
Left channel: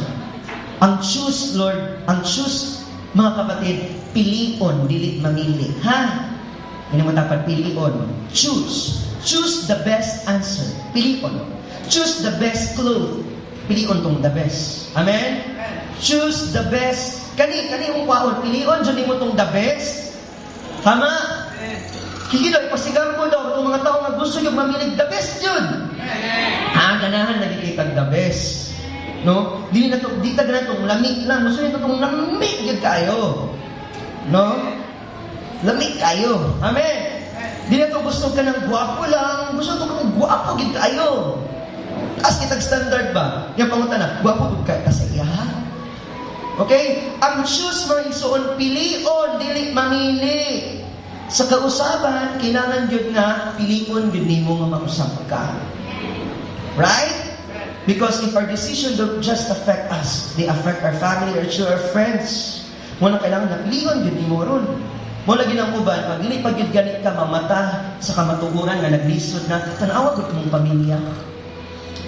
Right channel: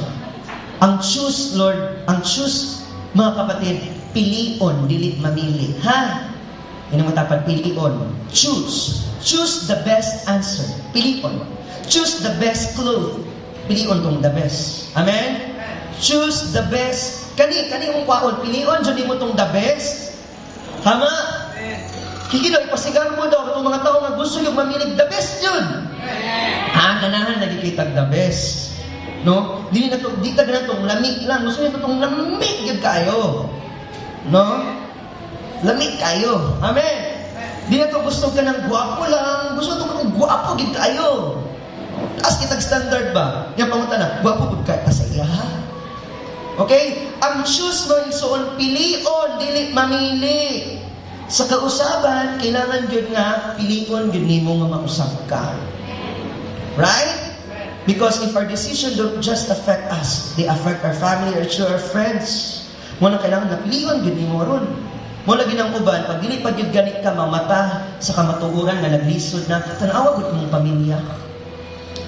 Ang choose, Lord, ang choose, mga kapatid, pilion, dili mamili. Ha? Yan ang matapat, pilion. Choose. Choose the best answer. Pilion. Choose the best clothes. Pilion kung the best. Amen? Choose the best. Kani mong kwaon, pilion, dyan mo tong the best. Tama? Higilog, pasigang mo daw itong mga tao na gusto yung mamilig the best yun. Ha? Ganahan, nagkikitag the best. No? Di ka na itong lamig lang. Gusto nyo itong lamig yun kayo. No? Lamig kayo. Amen? Di na ito gusto ka ng guwapo lang. Gusto ito itong guwapo yun kayo. Taas kitag standard ba? Yan pamunta na, guwapo yun ka. Pasaya ha? Okay? Ang choose mo isuon, pilion, dili mamili. Sa kausaban, kailangan yun nga, pilion yun ni mo nga mausap ka. Right? Because if our decisions don't just affect us, they affect our family, our children, our friends. Muna kailangan na pilihan, yun mo ron. Muna ginang uban, pag dili pag yun ganit ka mamata sa kamatuguran na naglisod na, tanawa ko mong pamilya.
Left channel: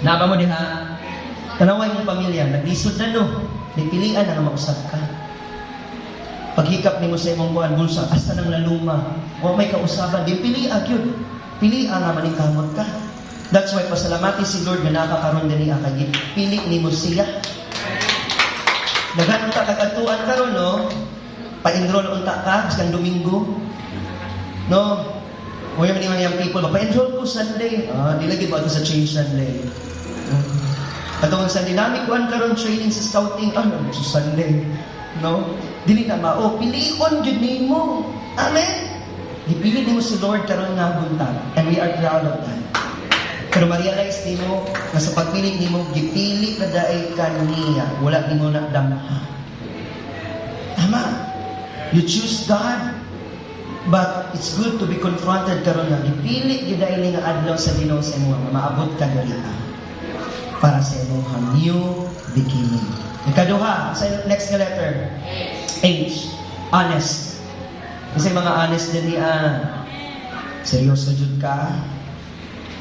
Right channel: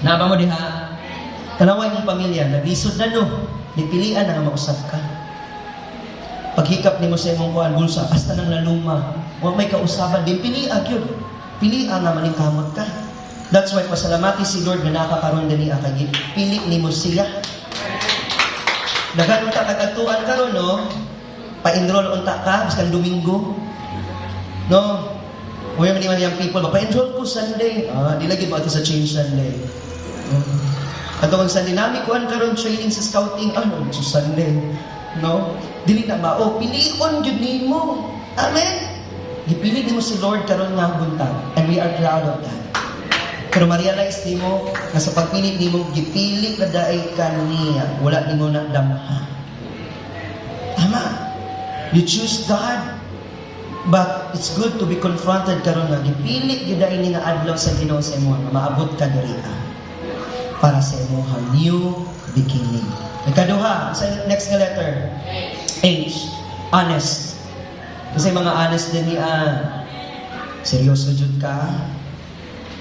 Naba mo diha, tanawa mong pamilya, naglisod na no, nipilian na nga mausap ka. Paghikap ni mo sa imong buwan, bulsa, hasta nang naluma, huwag may kausaban, di piliag yun. Pilian nga maningkamot ka. That's why pasalamati si Lord na nakakaroon din niya kay pili ni mo siya. Dagan mo ta kagatuan karon no. Pa-enroll unta ka sa Domingo. No. Oy man yung people, pa-enroll ko Sunday. Di lagi ba sa change Sunday. Katong Sunday nami kuan karon training sa scouting sa Sunday. No. Dili na mao pilion gyud nimo. Amen. Gipili nimo si Lord karon nga buntag and we are proud of that. Pero ma-realize ni mo, na sa pagpili ni mo, gipili ka dahil kaniya. Wala ni mo nagdamha. Tama. You choose God. But it's good to be confronted karon nga. Gipili ka dahil nga adlaw sa Ginoo sa imo. Maabot ka dali ka. Para sa imo new beginning. Ikaduha, sa next na letter. H. Honest. Kasi mga honest din niya. Seryoso jud ka.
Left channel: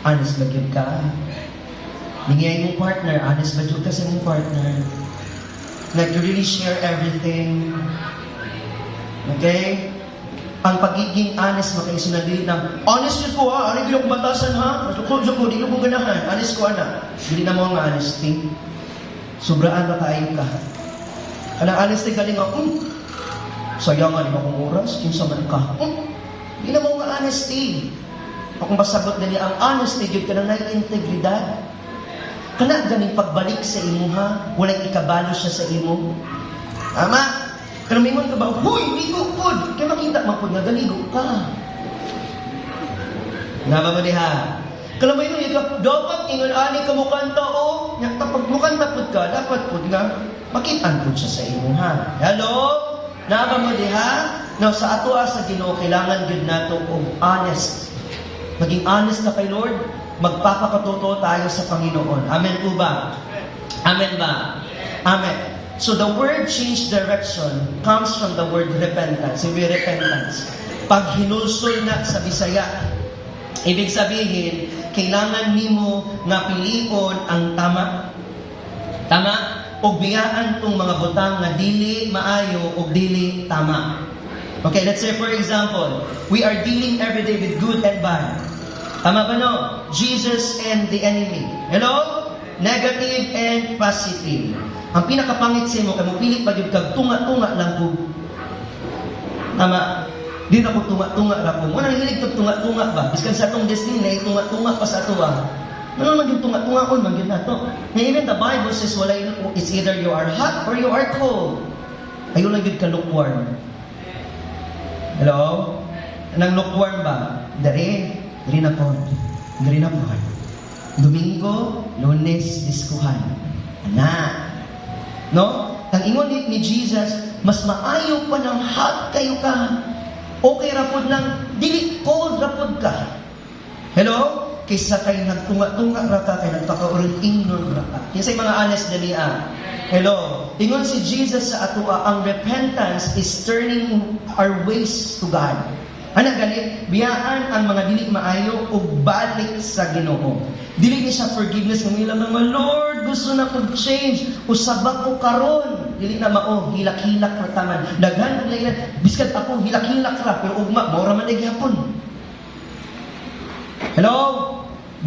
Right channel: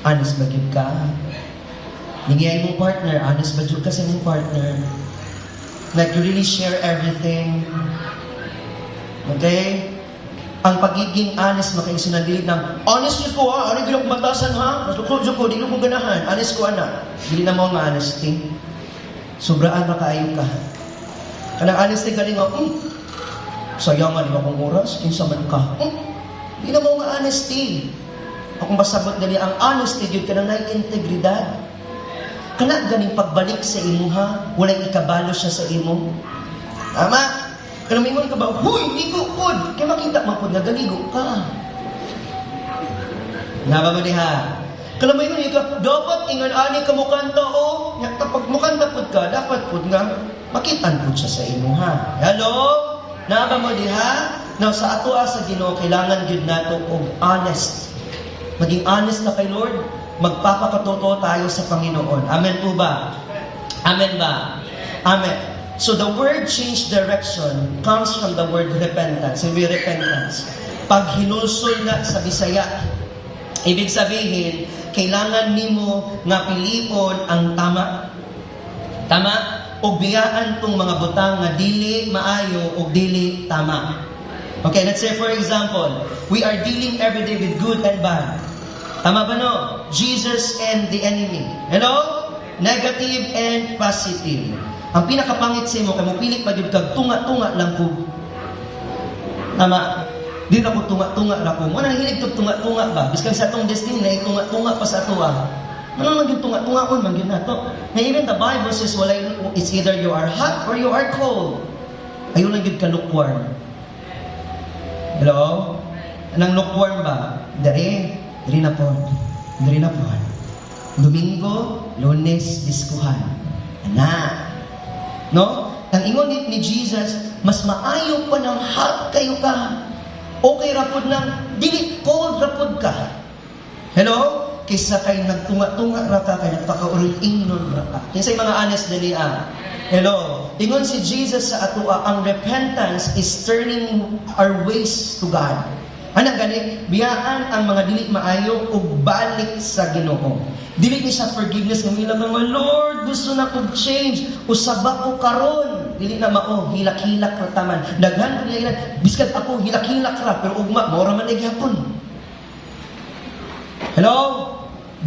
Honest ba yun ka? Ningiyay mong partner, honest ba yun ka sa mong partner? Like you really share everything. Okay? Ang pagiging honest mo kayo sunadili na, honest yun ko ha, ano yung batasan ha? Matukod ko, di mo ganahan. Honest ko ana. Hindi na mga honesty. Sobraan ba kayo ka? Kanang honesty ka rin nga, sayangan mo kong oras, kinsa man ka. Hindi na mga honesty. Kung basabot dali ang honesty, yun ka na integridad. Kana ganing pagbalik sa imo ha, walang ikabalo siya sa imo. Tama? Kana mingon ka ba, huy, ligo pod. Kaya makita mo pod na galigo ka. Naga mo ha. Kana mingon ka, dapat ingon ani ka mo kanta o. Kapag mo kanta pod ka, dapat pod nga makitaan pod siya sa imo ha. Hello? Naga mo ha? Now sa ato sa Ginoo kailangan gyud nato og honest. Naging honest na kay Lord, magpapakatotoo tayo sa Panginoon. Amen po ba? Amen ba? Amen. So the word change direction comes from the word repentance. Sabi repentance. Pag hinulsol nga sa Bisaya, ibig sabihin, kailangan nimo nga pilion ang tama. Tama? O biyaan tong mga butang nga dili maayo o dili tama. Okay, let's say for example, we are dealing every day with good and bad. Tama ba no? Jesus and the enemy. Hello? Negative and positive. Ang pinakapangit sa imo kay magpilit pa gyud kag tunga-tunga lang ko. Tama. Di na ko tunga-tunga ra ko. Mo nang hilig tug tunga-tunga ba? Biskan sa atong destiny na tunga-tunga pa sa atoa. Ano lang yung tunga-tunga on man gyud nato. Na even the Bible says walay it's either you are hot or you are cold. Ayun lang gyud ka lukewarm. Hello? Anong lukewarm ba? Dari na po. Dari na po. Domingo, Lunes, diskuhan. Na. No? Ang ingon ni Jesus, mas maayo pa ng hot kayo ka. Okay rapod ng dili cold rapod ka. Hello? Kaysa kay nagtunga-tunga ra ka, kay nagpakauring-ingnon ra ka. Kaysa yung mga honest dali Hello? Ingon si Jesus sa atua, ang repentance is turning our ways to God. Ana gani, biyaan ang mga dili maayo ug balik sa Ginoo. Dili ni sa forgiveness ng ilang mga Lord, gusto na kog change, usaba ko karon. Dili na mao hilak-hilak ra taman. Daghan nila biskat ako hilak-hilak ra pero ugma mao ra man gyapon. Hello?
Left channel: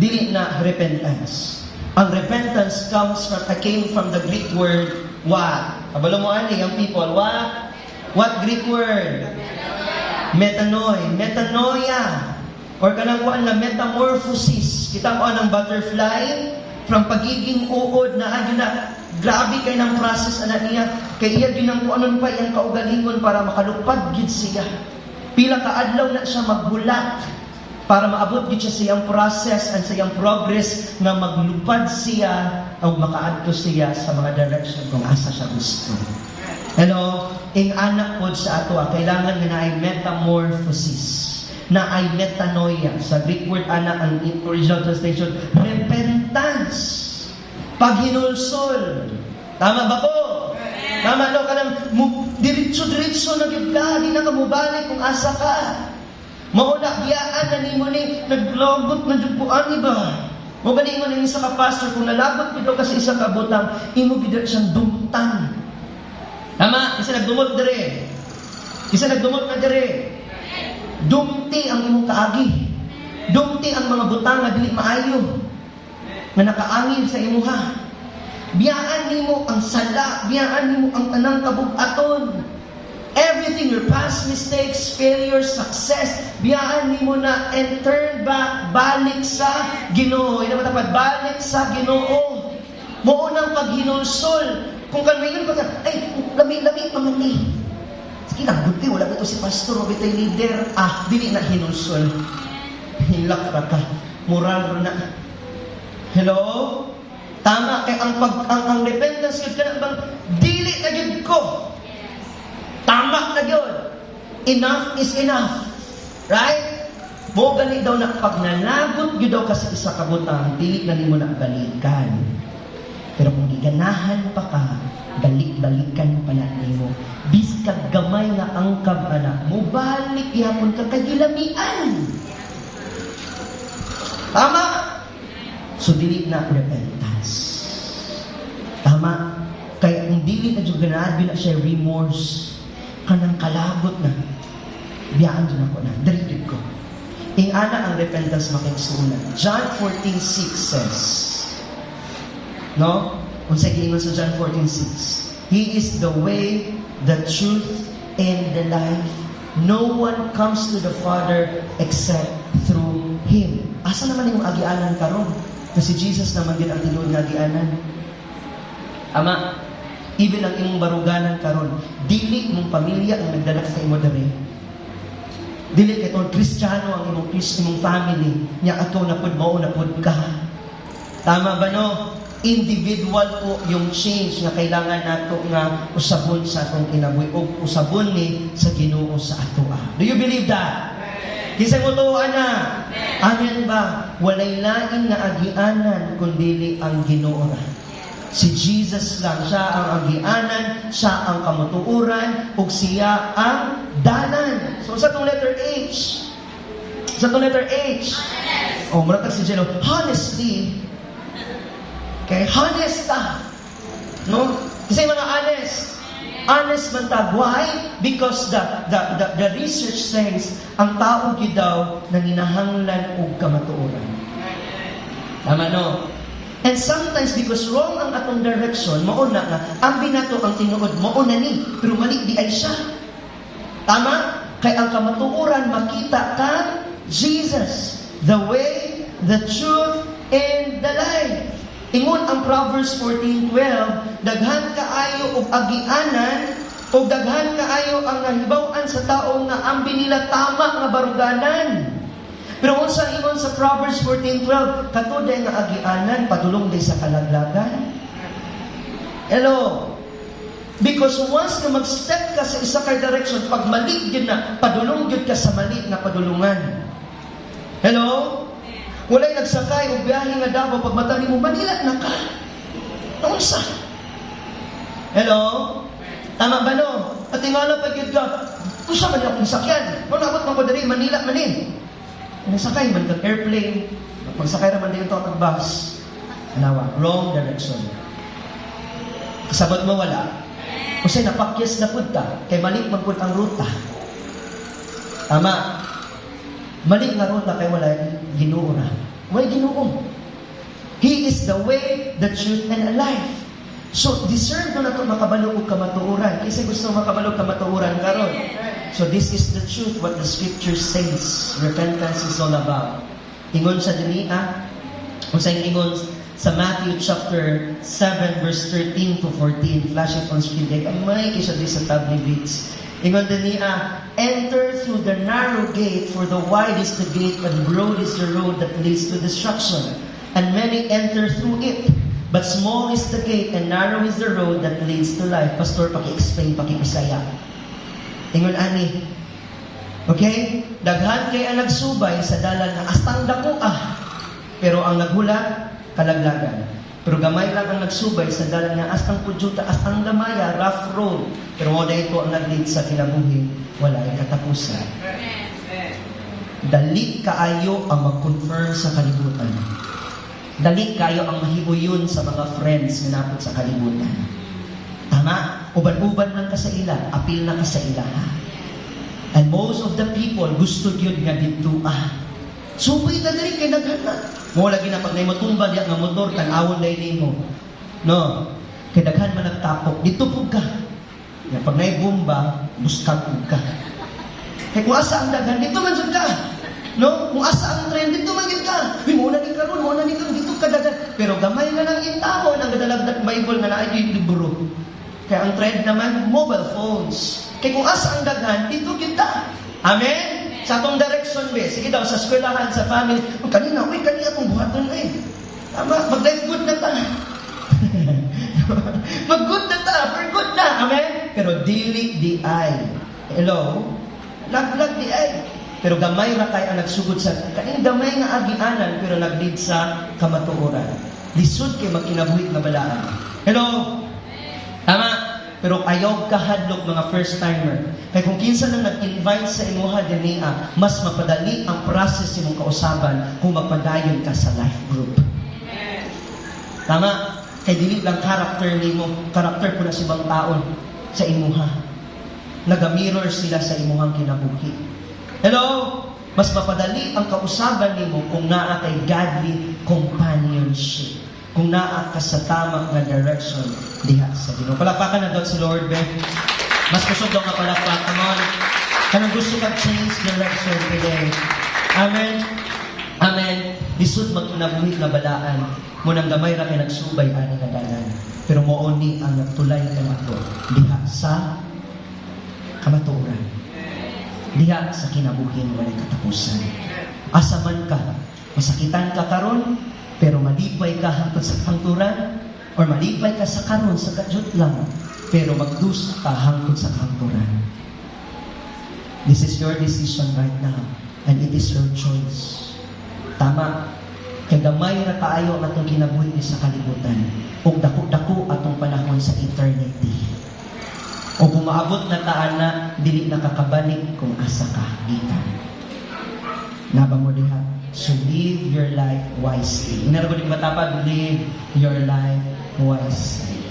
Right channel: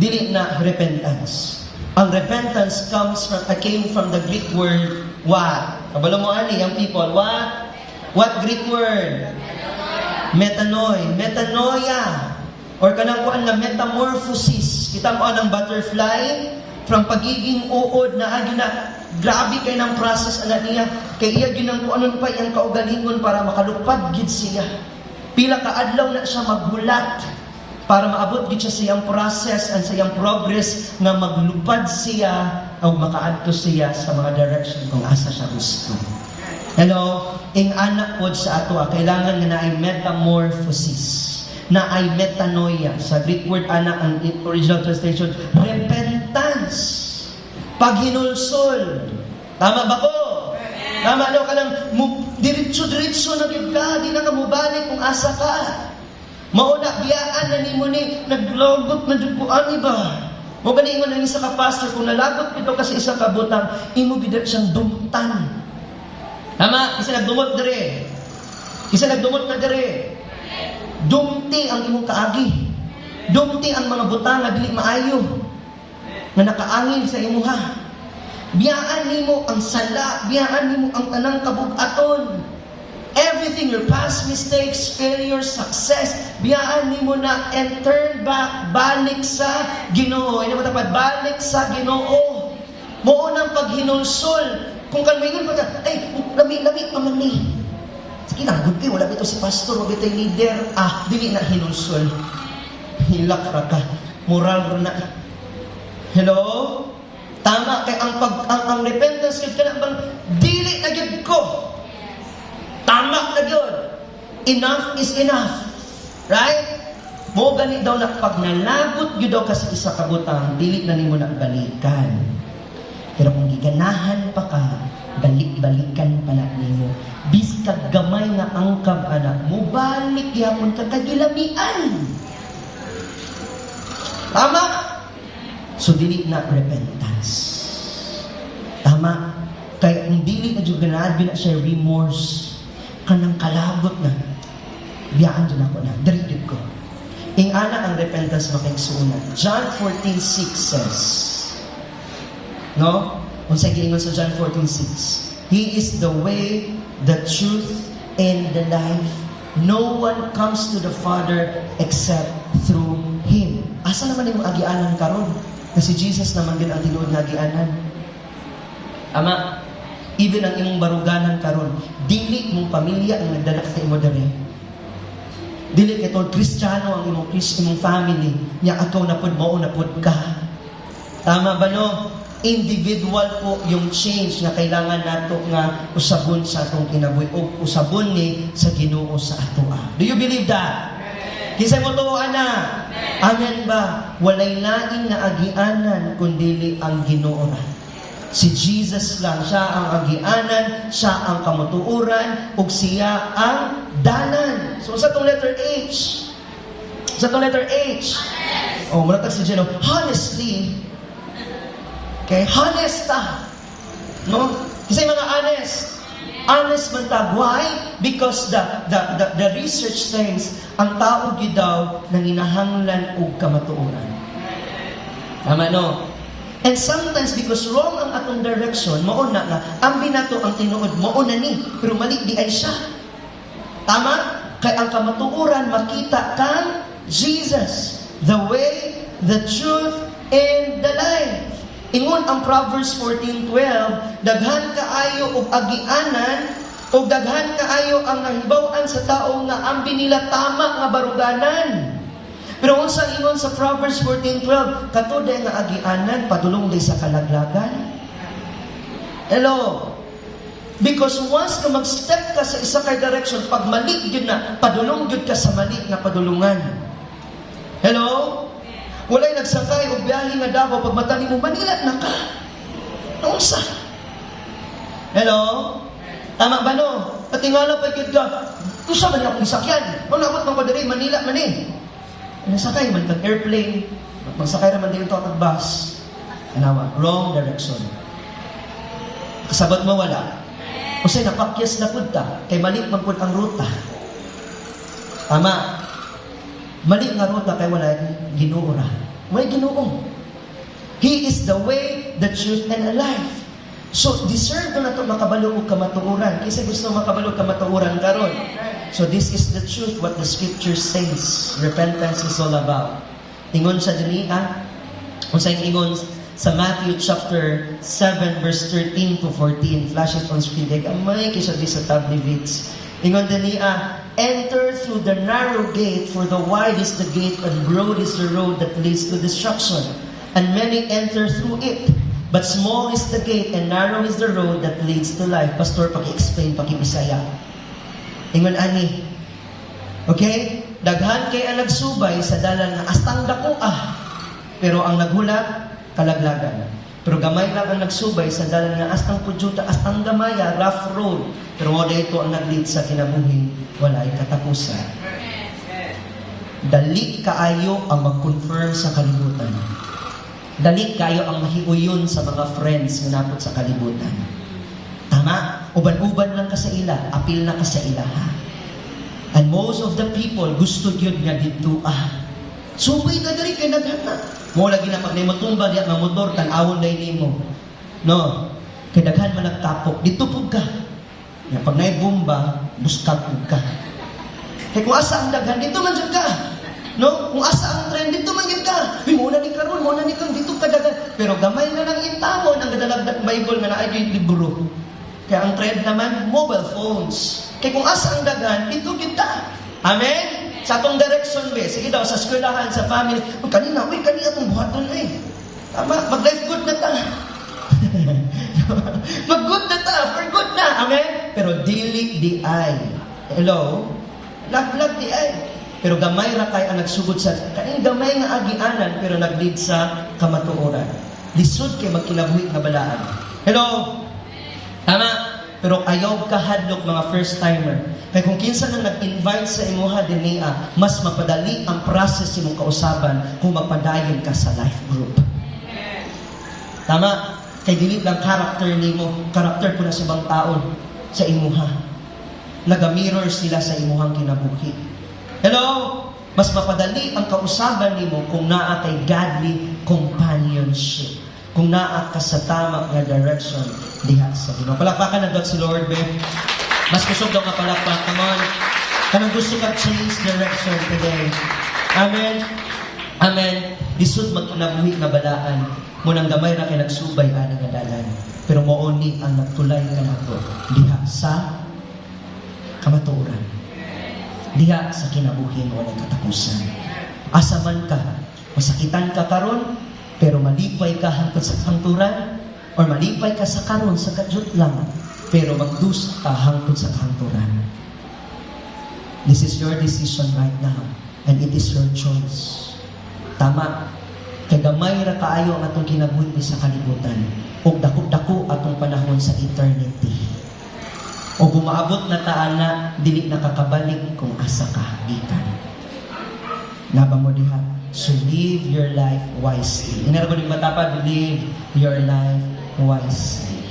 Dili na repentance. Ang repentance came from the Greek word what? Kabalo mo ani young people, what? What Greek word? Metanoia. Or kanang kuan nga metamorphosis. Kita mo anang butterfly from pagiging uod na agyo na grabe kay ng process ana niya kay iya gyud kung anon pa iyang kaugalingon para makalupad gid siya. Pila ka adlaw na siya magbulat para maabot gid siya sa iyang process and sa iyang progress nga maglupad siya o makaadto siya sa mga direction kung asa siya gusto. Hello? Ing anak pod sa ato, kailangan nga na ay metamorphosis, na ay metanoia. Sa Greek word ana, ang original translation, repentance. Paghinulsol. Tama ba ko? Tama, no? Kanang diretso-diretso na gid ka, di na ka mubalik kung asa ka. Mauna, biyaan na ni mo ni, naglagot na dyan po, ani ba? Mo ba ni ingon ng isa ka pastor, kung nalagot pito ka sa isa ka butang, imo bidat siyang dumtan. Tama, isa nagdumot dire. Isa nagdumot na dire. Dumti ang imong kaagi. Dumti ang mga butang na dili maayo. Na nakaangin sa imuha. Biyaan nimo ang sala, biyaan nimo ang anang kabug-aton. Everything, your past mistakes, failures, success, biyaan nimo na and turn back, balik sa Ginoo. Ina matapad, balik sa Ginoo. Mo unang paghinulsol. Kung kanwigan pa ka, ay, lami-lami naman ni. Sige na, good wala ito si pastor, wala ito yung leader. Dili na hinulsol. Hilak ra ka. Moral na. Hello? Tama, kaya ang repentance yun ka na bang, dili na yun ko. Tama na yun. Enough is enough. Right? Mo ganit daw na pag nalagot yun daw ka sa isa kabutang, dili na mo na balikan. Pero kung giganahan pa ka, balik-balikan pa na niyo. Biskag gamay nga angkab anak mo, balik yan ka kagilamian. Tama? So, dili na repentance. Tama? Kaya kung dili na dyan ganahan, na siya remorse. Kanang kalabot na. Biyaan doon ako na. Dali ko. Ing ana ang repentance makiksunan. John 14:6 says, no? Ang sa giingon sa John 14:6. He is the way, the truth, and the life. No one comes to the Father except through Him. Asa naman yung agianan karon? Kasi Jesus naman din ang tinuod nga agianan. Ama, even ang imong baruganan karon, dili mong pamilya ang nagdala sa imo diri. Dili kay kung Kristiyano ang imong family, nya ato na pud mao na pud ka. Tama ba no? Individual po yung change na kailangan nato nga usabon sa atong kinabuhi o usabon ni sa Ginoo sa atoa. Do you believe that? Kisang utuan na. Amen ba? Walay lain na agianan kundi ang Ginoo. Si Jesus lang, siya ang agianan, siya ang kamutuuran, ug siya ang dalan. So sa itong letter H. Sa itong letter H. Mulatag si Jeno, honestly, okay, honest ta. No? Kasi mga honest. Honest man ta. Why? Because the research says, ang tao daw nanginahanglan og kamatuoran. Tama no? And sometimes, because wrong ang atong direction, mauna na, ang binato ang tinuod, mauna ni, pero mali di ay siya. Tama? Kaya ang kamatuuran, makita kang Jesus, the way, the truth, and the life. Ingon ang Proverbs 14:12, daghan kaayo og agianan, o daghan kaayo ang nahibaw-an sa tao nga ang binila tama nga baruganan. Pero kung sa ingon sa Proverbs 14:12, katuday nga agianan, padulong di sa kalaglagan. Hello? Because once ka mag-step ka sa isa kay direction, pag mali yun na, padulong yun ka sa mali nga padulungan. Hello? Walay nagsakay o biyahe nga Davao, pag matali mo, Manila na ka. Unsa? Hello? Tama ba no? At tingala pag yun ka, kusa man akong sakyan. Malabot man ko dali, Manila man eh. Nasakay man kag airplane, pagsakay naman din ito ang bus. Anawa, wrong direction. Kasabot mo wala. Kasi napakyas na punta, kay mali man pud ang ruta. Tama. Mali nga ruta kay wala Ginoo na. Wala Ginoo. He is the way, the truth, and the life. So, deserve na ito makabalo og kamatuoran. Kasi gusto makabalo og kamatuoran karon. So, this is the truth, what the scripture says. Repentance is all about. Ingon sa duniya, kung sa ingon sa Matthew chapter 7, verse 13 to 14. Flash it on screen. Amay kisya di sa tab ni Vitz. Ingon duniya, enter through the narrow gate, for the wide is the gate, and broad is the road that leads to destruction. And many enter through it. But small is the gate and narrow is the road that leads to life. Pastor, paki-explain, paki-Bisaya. Ingon ani. Okay? Daghan kay ang nagsubay sa dalan nga astang dako pero ang naghulat, kalaglagan. Pero gamay lang ang nagsubay sa dalan nga astang pudyuta, astang gamaya, rough road. Pero mo ito ang nag-lead sa kinabuhi, walay katapusan. Dali kaayo ang mag-confirm sa kalibutan. Dali kayo ang mahiuyon sa mga friends nga napot sa kalibutan. Tama? Uban-uban lang ka sa ila, apil na ka sa ila. And most of the people gusto yun nga dito Subay ka dali kay naghana. Mo lagi na pag naimatumba diya nga motor, tanawon lain mo. No. Kay daghan man nagtapok, dito pug ka. Nga pag naibomba, buskag pug ka. Kay kung asa ang daghan, dito man jud ka. No? Kung asa ang trend, dito man jud ka. Muna ni karon, muna ni karon, dito ka daghan. Pero gamay na lang itawon ang dadalagdag Bible nga naa yung libro. Kaya ang trend naman, mobile phones. Kaya kung asa ang daghan, dito kita. Amen? Sa atong direction, be. Sige daw, sa eskwelahan, sa family. Kanina akong buhaton, Tama, mag-life good na ta. Mag-good na ta, for good na. Amen? Pero dili di ay. Hello? Lag di ay. Pero gamay ra kay ang nagsugod sa kaning gamay nga agianan pero nag-lead sa kamatuoran. Lisod kay mag-inabuhi nga balaan. Hello? Tama? Pero ayaw kahadlok mga first timer. Kaya kung kinsa nang nag-invite sa imuha dinea, mas mapadali ang process imong kausaban kung mapadayon ka sa life group. Tama? Kay dili lang character nimo, character ko na sa ibang taon sa imuha. Nagamirror sila sa imuhang kinabuhi. Hello? Mas mapadali ang kausaban nimo kung naa kay godly companionship. Kung naa ka sa tama nga direction diha sa Ginoo. Palakpakan na daw si Lord, be. Mas kusog daw nga palakpakan mo. Kung gusto ka change direction today. Amen. Amen. Lisod magkinabuhi na balaan. Munang gamay ra kay nagsubay ani nga dalan. Pero mooni ang nagtulay kanato diha sa kamatuoran. Diha sa kinabuhi nga walay katapusan. Asa man ka, masakitan ka karon, pero malipay ka hangtod sa kanturan, or malipay ka sa karon sa kadyot lang, pero magdusa ka hangtod sa kanturan. This is your decision right now, and it is your choice. Tama. Kay gamay ra kaayo ang atong kinabuhi sa kalibutan, ug dako-dako atong panahon sa eternity. O bumaabot na taan na dili nakakabalik kung asa ka gikan. Naba mo diha. So live your life wisely. Inargo din matapad, live your life wisely.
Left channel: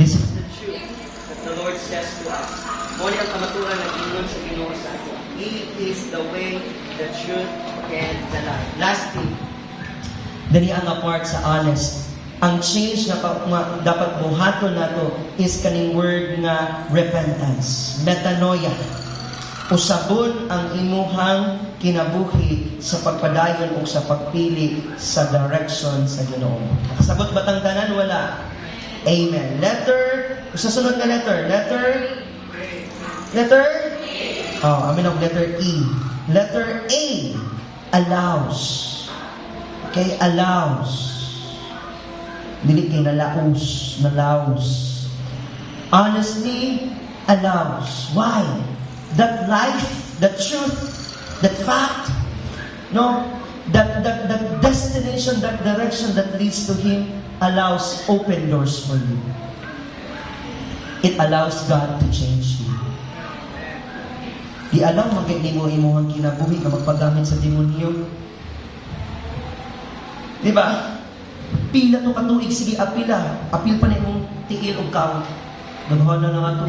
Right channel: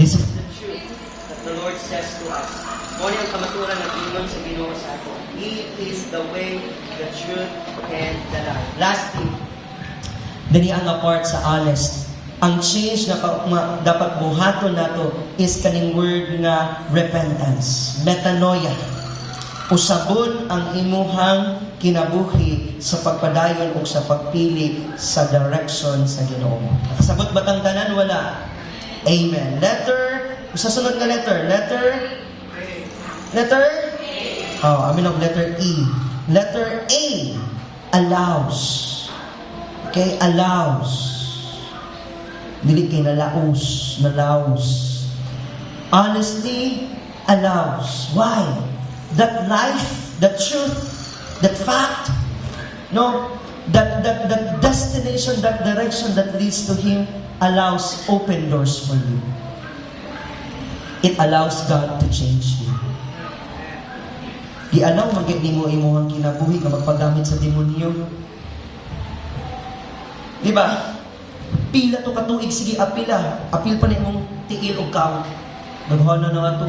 This is the truth that the Lord says to us. Muli ang kamaturan ng ingon sa Ginoo sa ato. He is the way, the truth, and the life. Lastly, Dali ang apart sa honest. Ang change na dapat buhaton nato is kaning word na repentance, metanoia. Usabon ang imuhang kinabuhi sa pagpadayon o sa pagpili sa direction sa Ginoo. Sagot batang tanan? Wala. Amen. Letter, sa sunod na letter. Letter? Oh, amin ang letter E. Letter A, allows. Okay, allows. Dili kay nalaos. Honestly, allows. Why? That life, that truth, that fact, no, that destination, that direction that leads to Him allows open doors for you. It allows God to change you. Di alaw magiging mo ang kinabuhi na magpagamit sa demonyo. Di ba? Pila to katuig, sige apila. Apil pa na imong tiil o kao. Daghan na nga ito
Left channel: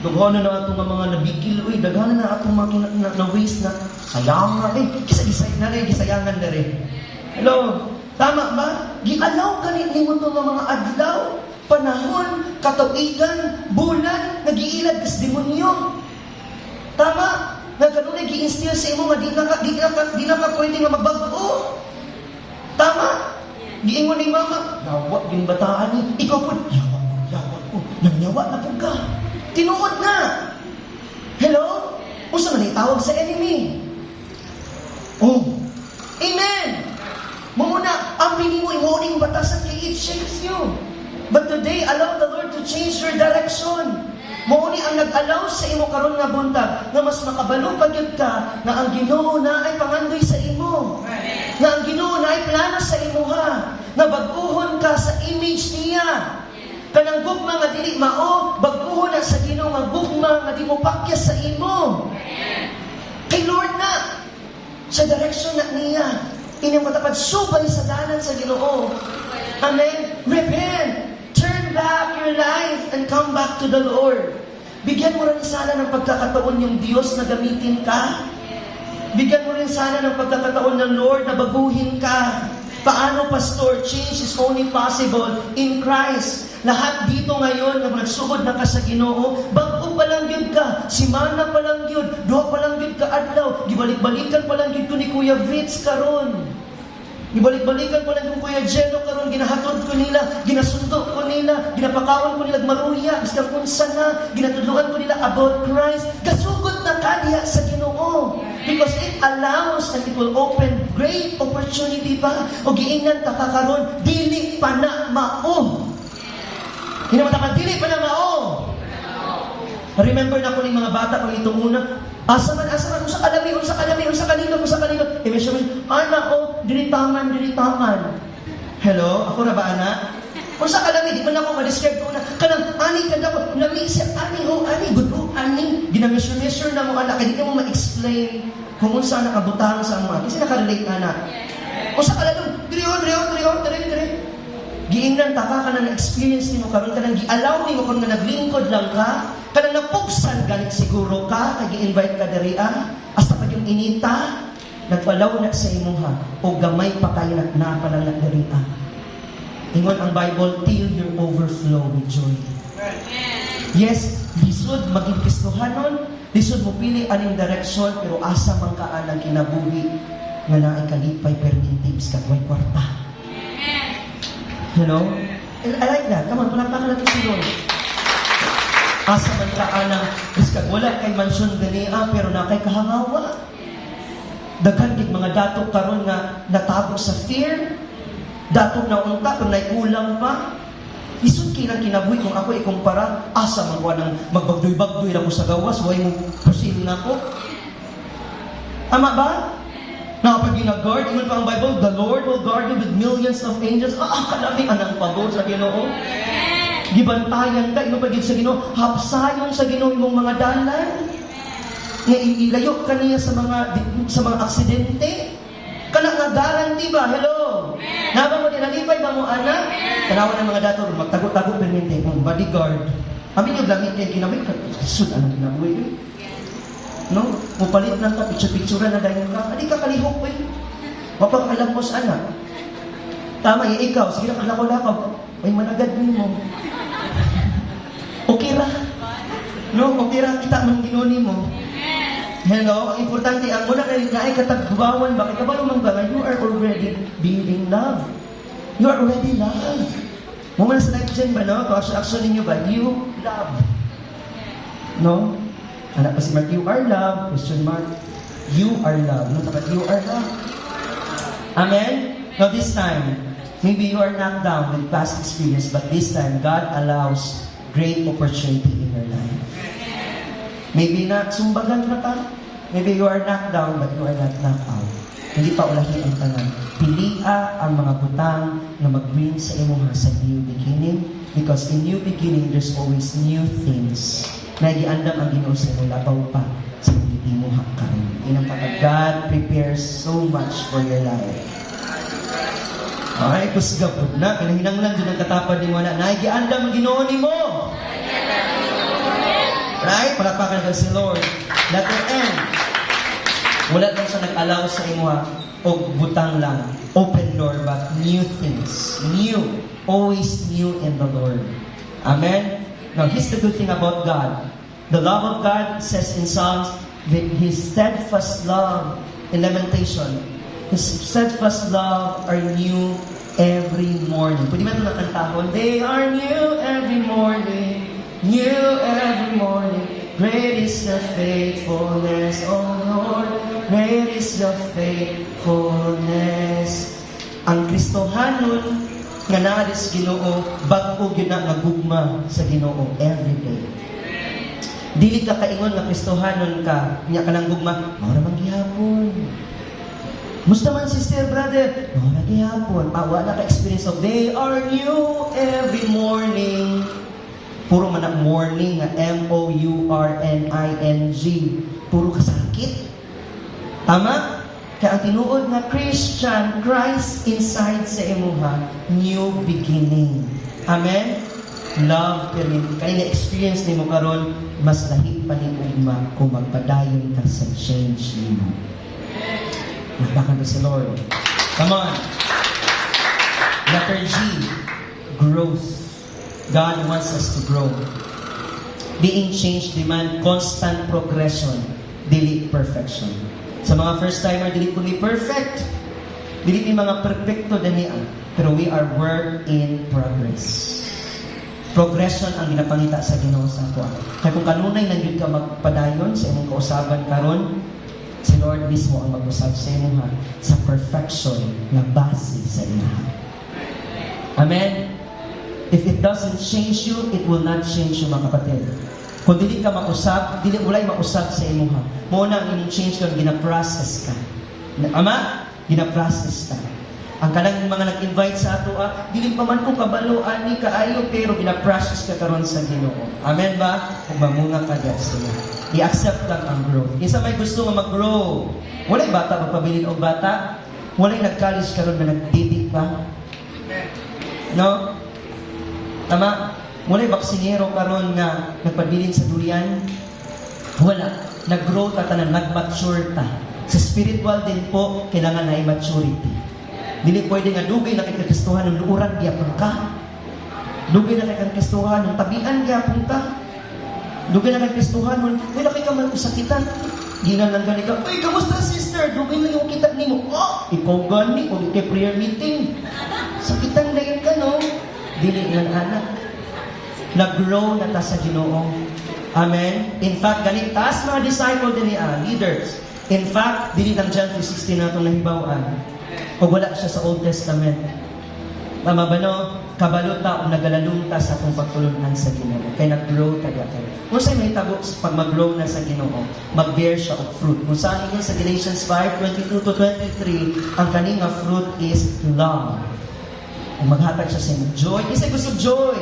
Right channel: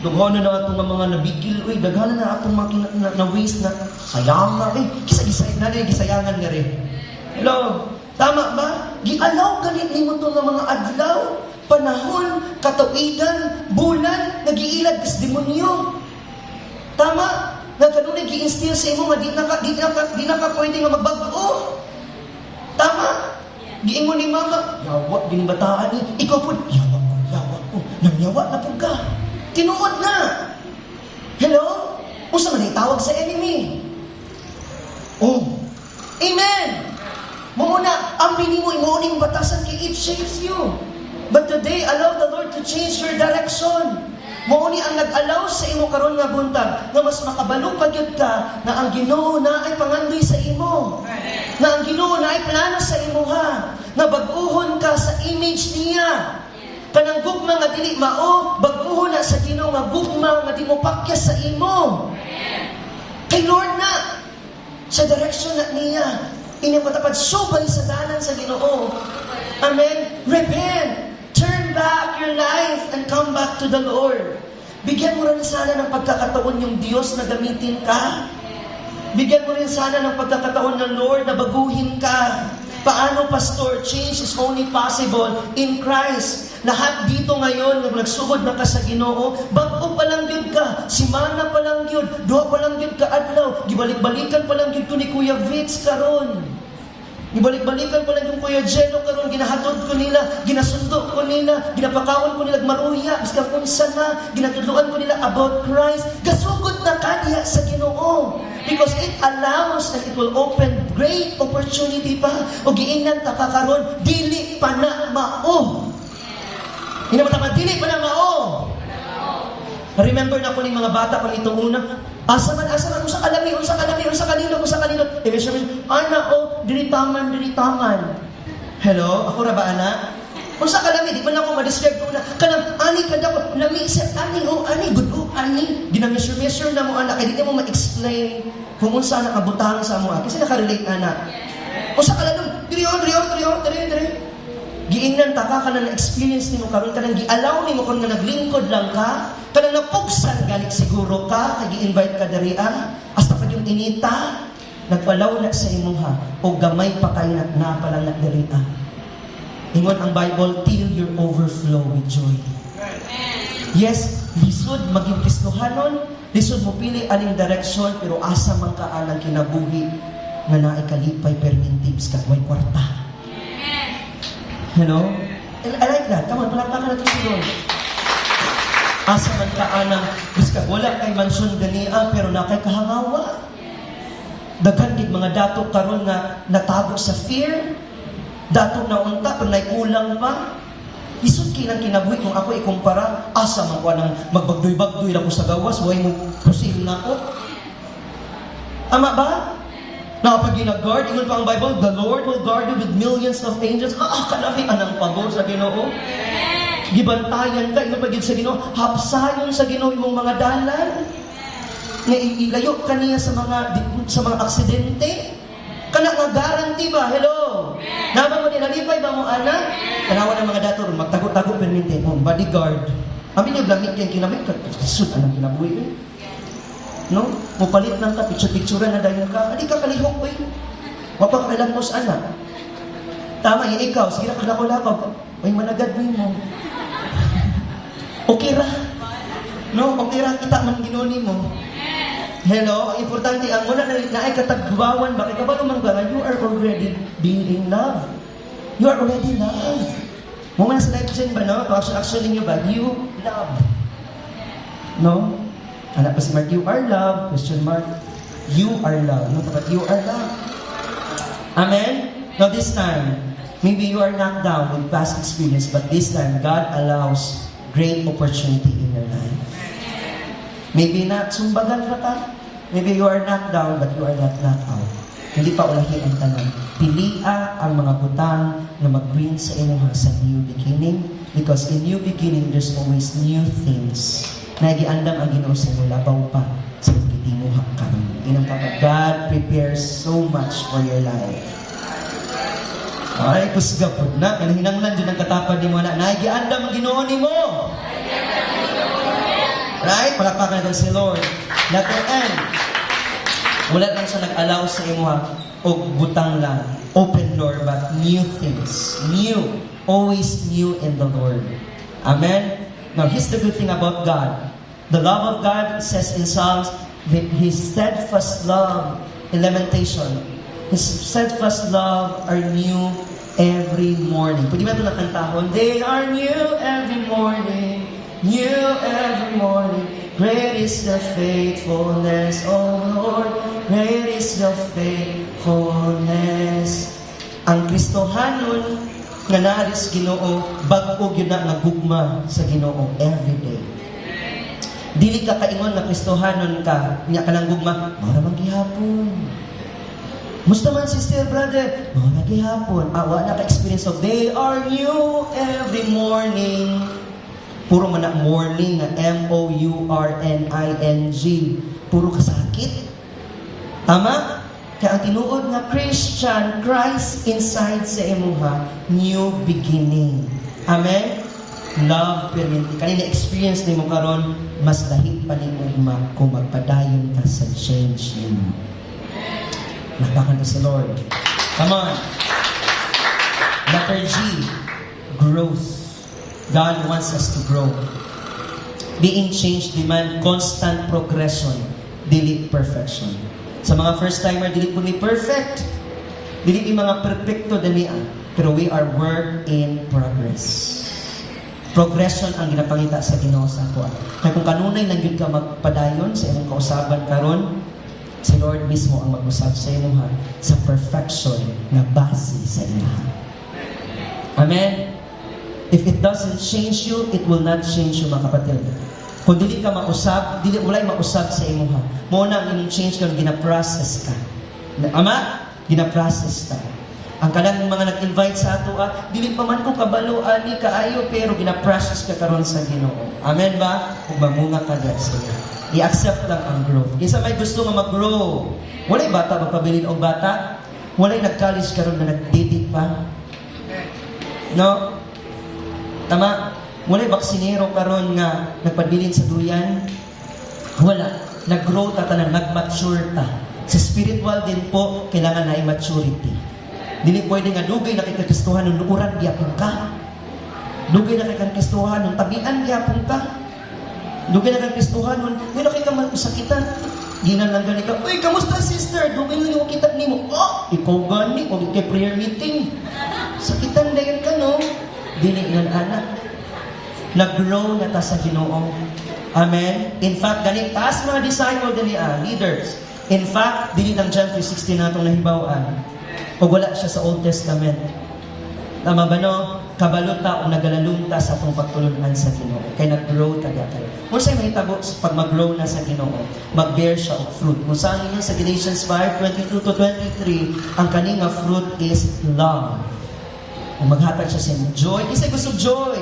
Daghan na nga ito nga mga nabigil. Daghan na ito mga na-waste na sayang na gisayangan na rin. Hello? Tama ba? Gialaw galit ni mo ito nga mga adlaw, panahon, katuigan, bulan, nag-iilad is demonyo. Tama? Nga ganun na gi-instill sa imo nga di na ka pwede nga magbago. Tama? Giingon ni mama, yawa, ginbataan ni. Ikaw po, yawa po. Nanyawa na po ka. Tinuod na. Hello? Usa na tawag sa enemy. Oh. Amen. Muna, ang pinimo imoning batasan kay it shapes you. But today, allow the Lord to change your direction. Mauni ang nag-allow sa imo karon nga buntag nga mas makabalong pagyud ka na ang Ginoo na ay pangandoy sa imo. Na ang Ginoo na ay plano sa imo ha. Na baguhon ka sa image niya. Kanang gugma nga dili mao, baguhon na sa Ginoo nga gugma nga di mo pakyas sa imo. Kay Lord na sa direction na niya. Inyong matapad subay sa dalan sa Ginoo. Amen. Repent. Turn back your life and come back to the Lord. Bigyan mo rin sana ng pagkakataon yung Diyos na gamitin ka. Bigyan mo rin sana ng pagkakataon ng Lord na baguhin ka. Paano, Pastor? Change is only possible in Christ. Lahat dito ngayon, nag nagsugod na ka sa Ginoo, bago pa lang yun ka, simana pa lang yun, duha pa lang yun ka adlaw, gibalik-balikan pa lang yun ko ni Kuya Vince karon. Ibalik-balikan ko lang yung Kuya Jeno karon, ginahatod ko nila, ginasundo ko nila, ginapakaon ko nila maruya, basta kung sana, ginatudluan ko nila about Christ. Gasugod na ka diya sa Ginoo. Because it allows and it will open great opportunity pa. O giingnan ta karon, dili pa na mao. Hinamata dili pa na mao. Remember na ko ng mga bata kung itong una, asa man, unsa kanino. Eventually, ana o, diritangan. Hello, ako ra ba ana? Unsa kalami, di ba na ako ma-describe ko na, kanang, ani kada ko, namisip, ani, gudu, ani, ginamisure na mo ana, kaya di mo ma-explain kung unsa nakabutang sa mo, kasi nakarelate na. Unsa kalami, diri. Giingnan ta ka na na-experience nimo karon kanang gi-allow nimo kung nga naglingkod lang ka, kanang napugsan galit siguro ka, kay gi-invite ka diri hasta pag yung inita, nagpalaw na sa imuha o gamay pa kayo na palang diri Ingon ang Bible, till you overflow with joy. Yes, lisod maging Kristohanon, lisod mo pili aning direksyon, pero asa man ka anang kinabuhi nga naay kalipay permintibs kagway kwarta. You know? And I like that. Come on, palakpakan natin si Lord. Asa man ka anang, biska wala kay mansyon ganiya, pero na kay kahangawa. Daghan gid mga dato karon nga natabog sa fear, dato na unta pero naikulang pa. Isod kinang kinabuhi kung ako ikumpara, asa man ko nang magbagdoy-bagdoy lang ko sa gawas, way mo pusin na ko. Tama ba? Pag ginag-guard, ingon pa ang Bible, the Lord will guard you with millions of angels. Kalami anang pabor sa Ginoo. Gibantayan ka, ingon pa gid sa Ginoo, hapsayon sa Ginoo imong mga dalan. Nga ilayo ka niya sa mga aksidente. Kana nga guarantee ba? Hello. Naman mo nalipay ba mo anak? Kanawa ng mga dato magtago-tago permente mo bodyguard. Amin yung lamig kay kinamit ka. Sud anong kinabuhi. No? Mupalit na ta picture-picture na dayon ka. Adi ka kalihok Wa pa ka mo sa anak. Tama, ikaw, sige na kaglakaw-lakaw. Ay, managad mo. Okay ra. No, okay ra, kita man ginuni mo. Hello, ang importante, ang una na ay katagbawan ba? Kaya ba naman ba, you are already being in love. You are already loved. Mga sa life dyan ba, no? Actually nyo ba, you love. No? Anak kasi mark, you are loved. Question mark, you are loved. No, but you are loved. Amen? Now this time, maybe you are knocked down with past experience, but this time, God allows great opportunity in your life. Maybe not sumbagan ka pa. Maybe you are knocked down, but you are not knocked out. Hindi pa ulahi ang tanong. Pilia ang mga butang na mag-bring sa inyo sa new beginning, because in new beginning, there's always new things. Nagiandam ang Ginoo sa inyo, labaw pa sa pagtitimo hakang. Inang kapag God prepares so much for your life. Ay, kusgapod na. Kanahinanglan dyan ang katapad ni wala. Nagiandam ang Ginoo ni mo. Right? Palakpakan ka si Lord. Letter N. Wala lang siya nag-allow sa imo o butang lang. Open door, but new things. New. Always new in the Lord. Amen? Now, here's the good thing about God. The love of God says in Psalms that His steadfast love in Lamentation, His steadfast love are new every morning. Pwede ba ito nakantahon? They are new every morning. New every morning. Great is your faithfulness, O Lord. Great is your faithfulness. Ang Kristohanon nga naaris Ginoo, bag-o gyud na nagugma sa Ginoo every day. Dili ka kaingon nga Kristohanon ka, nya ka lang gugma, mora man gihapon. Musta man sister, brother? Mora gihapon. Awa na ka-experience of they are new every morning. Puro man na morning nga M-O-U-R-N-I-N-G. Puro kasakit. Tama? Kaya ang tinuod nga Christian, Christ inside sa imuha, new beginning. Amen? Love, pero kanina experience ni mo karon, mas dahil pa ni mo kung magpadayon ka sa change ni mo. Labakan mo sa Lord. Come on. Letter G, growth. God wants us to grow. Being changed demand constant progression, dili perfection. Sa mga first-timer, dili ko ni perfect. Dili ni mga perfecto dinian. Pero we are work in progress. Progression ang ginapangita sa Ginoo sa ato. Kaya kung kanunay lang yun ka magpadayon sa imong kausaban karon, si Lord mismo ang mag-usab sa imo sa perfection na base sa iya. Amen? If it doesn't change you, it will not change you, mga kapatid. Kung dili ka mausap, dili walay mausap sa imo ha. Mo na ang imong change kung gina-process ka. Ama, gina-process ka. Ang kanang mga nag-invite sa ato, dili pa man ko kabalo ani kaayo pero gina-process ka karon sa Ginoo. Amen ba? Kung mamuna ka diyan sa iya. I-accept lang ang growth. Isa may gusto nga mag-grow. Walay bata magpabilin og bata. Walay nag-college karon na nag-dating pa. No? Tama? Walay baksinero karon nga nagpabilin sa duyan. Wala. Nag-grow ta tanan, nag-mature ta. Sa spiritual din po, kailangan na maturity. Dili pwede nga dugay na kay Kristohan ng luuran gyapon ka. Dugay na kay Kristohan ng tabian gyapon ka. Dugay na kay Kristohan ng dili kay ka mag-usakitan. Ginan lang gani ka, "Uy, kamusta sister? Dugay lang yung kitab nimo." Oh, ikaw gani og kay prayer meeting. Sakitan dayon ka no. Dili nga anak. Nag-grow na ta sa Ginoo. Amen. In fact, ganit taas mga disciple dili leaders. In fact, dili lang John 3:16 natong nahibaw-an. O wala siya sa Old Testament. Tama ba no? Kabalot ta o nagalalong ta sa atong pagtulungan sa Ginoo. Kaya nag-grow ta dito. Kung saan mahitabo pag mag-grow na sa Ginoo, mag-bear siya of fruit. Kung saan yun sa Galatians 5:22-23, ang kaninga fruit is love. Kung maghatag siya sa joy, isa gusto joy.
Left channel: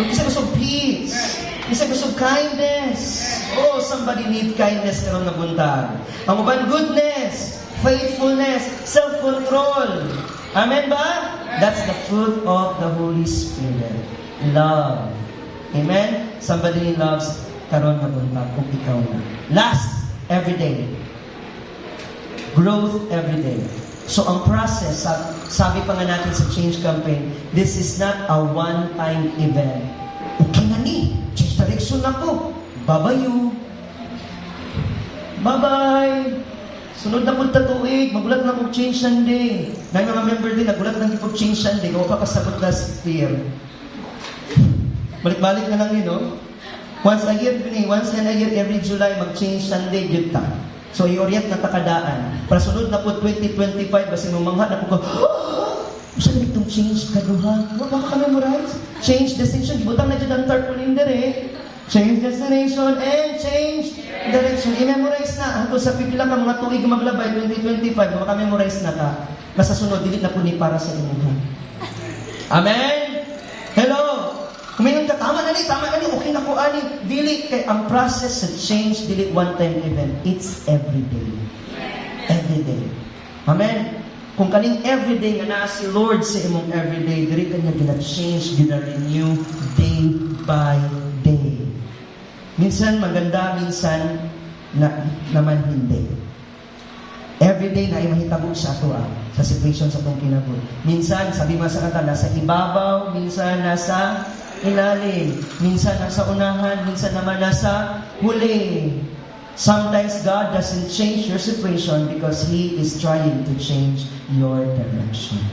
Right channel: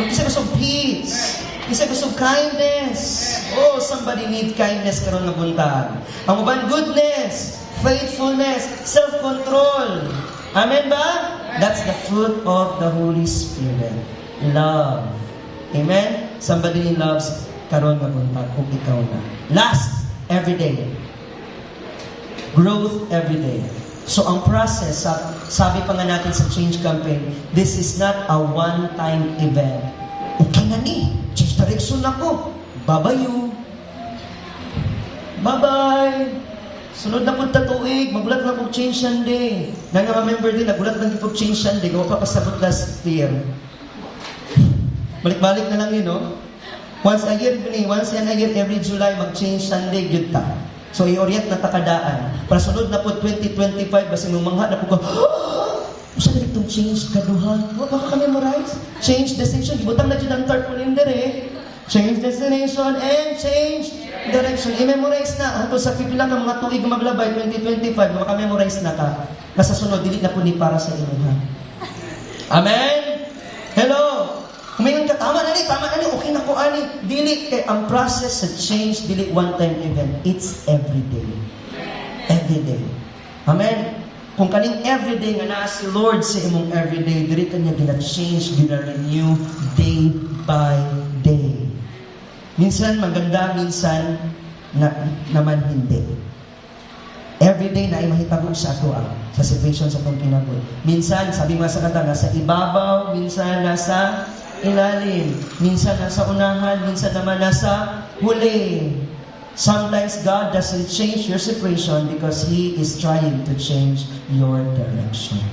Isa gusto peace. Isa gusto kindness. Oh, somebody need kindness karong nabuntahan. Ang uban goodness, faithfulness, self-control. Amen ba? That's the fruit of the Holy Spirit. Love. Amen? Somebody loves karon nabuntahan kung ikaw na. Last, every day. Growth every day. So ang process, sabi pa nga natin sa Change Campaign, this is not a one-time event. Okay na ni, change direction ako. Babayu. Bye-bye. Sunod na po tuig, magulat na po change Sunday. Member din, nagulat na po change Sunday. Kung papasagot last year. Balik-balik na lang yun, no? Once a year, every July, mag-change Sunday, yun ta. So, i-orient na takadaan. Para sunod na po 2025, basta numangha na po ko, saan na itong change kaduha? Baka ka-memorize? Change destination. Gibutang na dyan ang tarpaulin eh. Change destination and change direction. I-memorize na. Ako sa pipilang ng mga tuig maglabay, 2025, maka-memorize na ka. Basta sunod, delete na po ni para sa inyo. Ha? Amen? Hello? Kumayon ka, tama na ni, okay na ko, ani. Dili, kay ang process sa change, dili one-time event. It's everyday. Everyday. Amen? Kung kaning everyday nga naa si Lord sa imong everyday, dili ka niya gina-change, gina-renew, day by day. Minsan maganda, minsan naman hindi. Everyday na ay mahitabo sa ako sa situation sa itong kinabuhi. Minsan, sabi nga sa kata, nasa ibabaw, minsan nasa ilalim, minsan nasa unahan, minsan naman nasa huli. Sometimes God doesn't change your situation because He is trying to change your direction.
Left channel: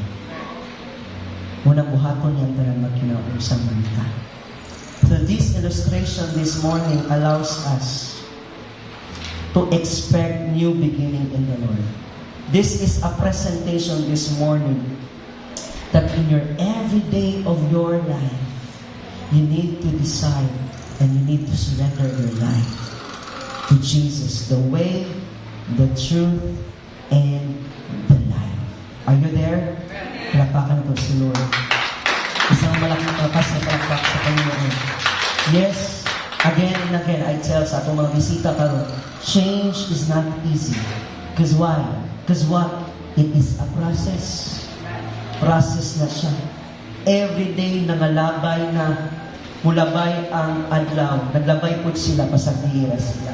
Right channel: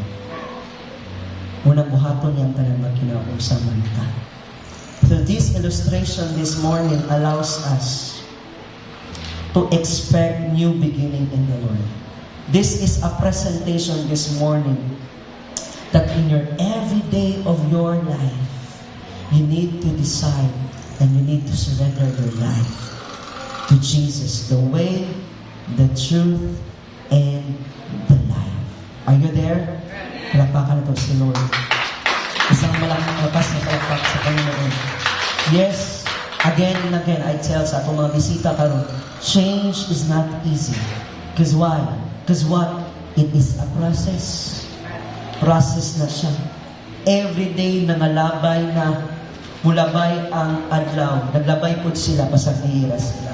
Unang buhaton niyang tayo na kinausap ka. So this illustration this morning allows us to expect new beginning in the Lord. This is a presentation this morning that in your every day of your life, you need to decide and you need to surrender your life to Jesus, the way, the truth, and the life. Are you there? Palapakan ko si Lord. Isang malaking lakas na palakpak sa Panginoon. Yes, again and again, I tell sa atong mga bisita karon, change is not easy. Because why? Because what? It is a process. Process na siya. Every day nangalabay na mulabay ang adlaw. Naglabay po sila pasahira sila.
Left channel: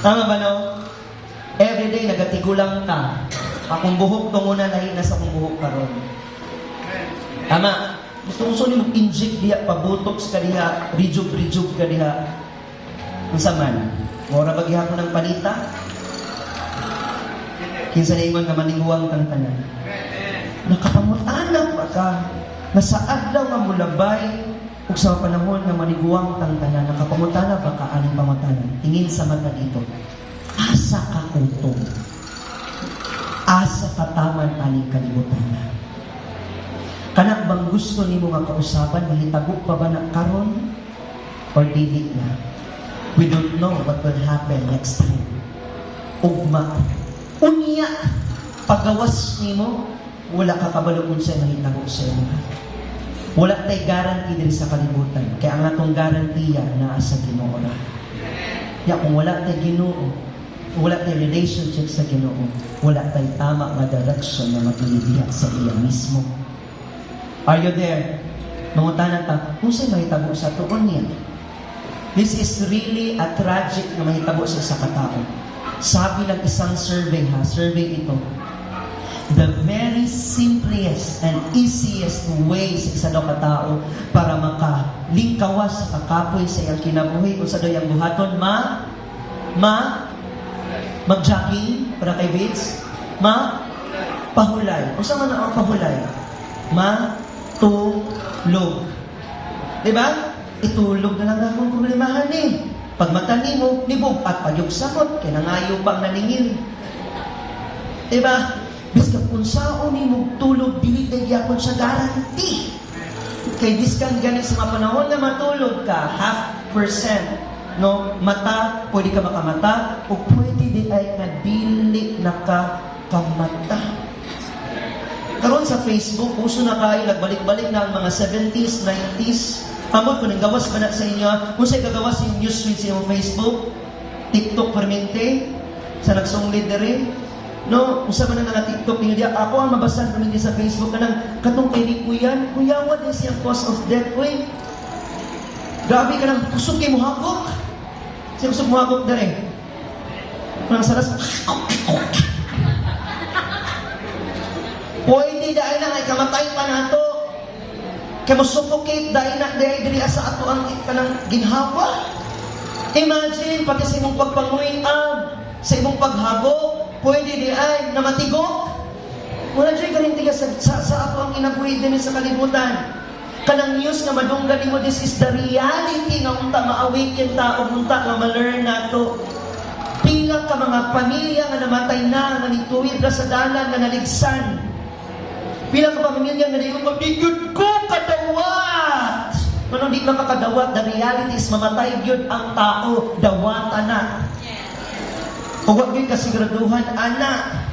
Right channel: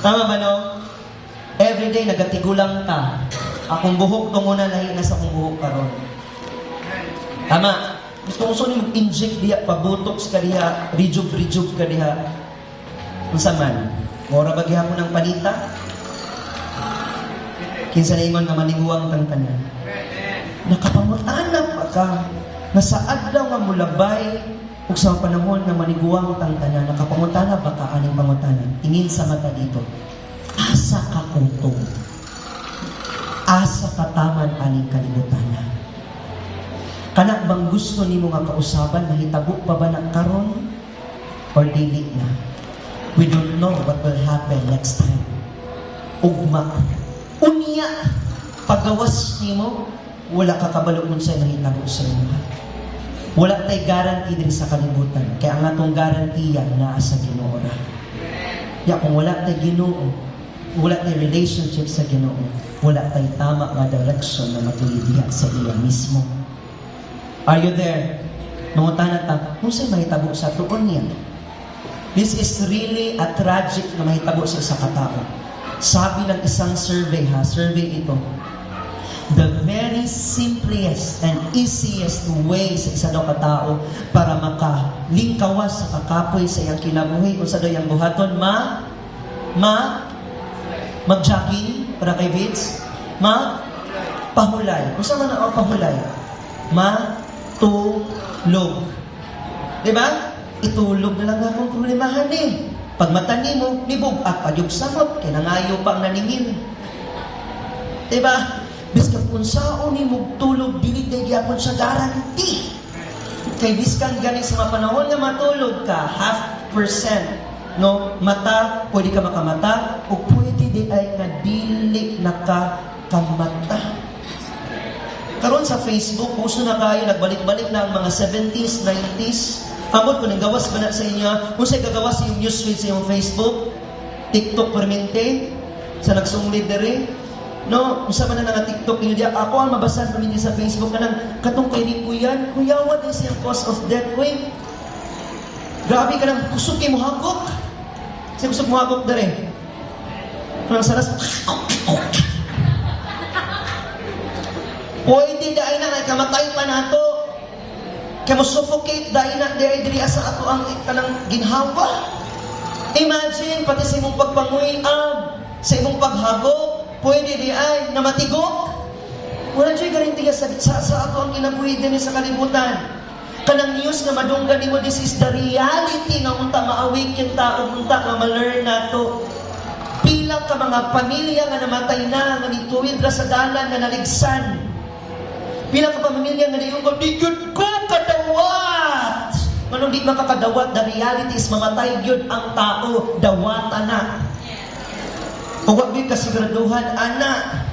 Tama ba no? Every day nagatigulang ka. Akong buhok nung una lahi na sa akong buhok karon. Tama. Gusto mo mag-inject diha, pabotox ka diha, rejuve ka diha. Unsa man? Mora ba gihapon ng panita? Kinsa na ingon ka maninguwang kang tanan. Nakapamutanap pa ka. Nasa adlaw nga mulabay ug sa panahon nga maniguwang kang tanan, nakapamutanap ba ka aning pamutanan? Tingin sa mata dito. Asa ka kutong. Asa ka taman aning kalibutan. Kana bang gusto nimo nga kausaban, mahitabo pa ba na karon or dili na? We don't know what will happen next time. Ugma. Unya. Pagawas nimo, wala ka kabalo kung sa'yo mahitabo sa iyo. Wala tayo guarantee din sa kalibutan. Kaya ang atong garantiya na sa Ginoo na. Ya, kung wala tayo Ginoo, wala tayo relationship sa Ginoo, wala tayo tama nga direction na matulidya sa iya mismo. Are you there? Mga tanata, kung sa'yo mahitabo sa tuon niya. This is really a tragic na mahitabo sa isa katao. Sabi ng isang survey ito, the very simplest and easiest way sa isa daw katao para makalingkawas sa kakapoy sa iyang kinabuhi kung sa daw iyang buhaton, mag-jogging para kay Vince, pahulay. Kung saan ang pahulay? Tulog. Diba? Itulog na lang akong problemahan eh. Pag matani mo, libog at pagyugsamot, kaya nangayo pang naningin. Diba? Biskan kung saan ni mo tulog, bilit na gyapon siya garanti. Kay biskan galing sa mga panahon na matulog ka, 0.5%. No? Mata, pwede ka makamata, o pwede di ay nadili na kamata. Karon sa Facebook, uso na kayo, nagbalik-balik na ang mga 70s, 90s. Kamot ko, nagawas ba na sa inyo? Kung sa'yo gagawas yung newsfeed sa iyong Facebook, TikTok permente, sa nagsunglit na rin. No, usa man na nga TikTok niyo dia, ako ang mabasa niyo sa Facebook kanang katong kay ni Kuya, what is your cause of death way? Grabe ka nang kusog kay mo hagok. Sa kusog mo hagok dere. Nang saras. Pwede dahil na ay kamatay pa nato. Kaya mo suffocate dahil na diri sa ato ang kanang ginhawa. Imagine, pati sa imong pagpanguyab, sa imong paghagok, pwede di ay na matigok. Wala dyan garantiya sa ato ang inabuhi din sa kalibutan. Kanang news nga madunggan mo, this is the reality nga unta ma-awake yung tao, unta ma-learn nato. Pila ka mga pamilya nga namatay na, nga nituwid na sa dalan, nga naligsan. Pila ka pamilya nga nayungkod, di good ko kadawat! Kung di makakadawat, the reality is mamatay yun ang tao, dawat, anak. Kung wag yun kasiguraduhan, anak.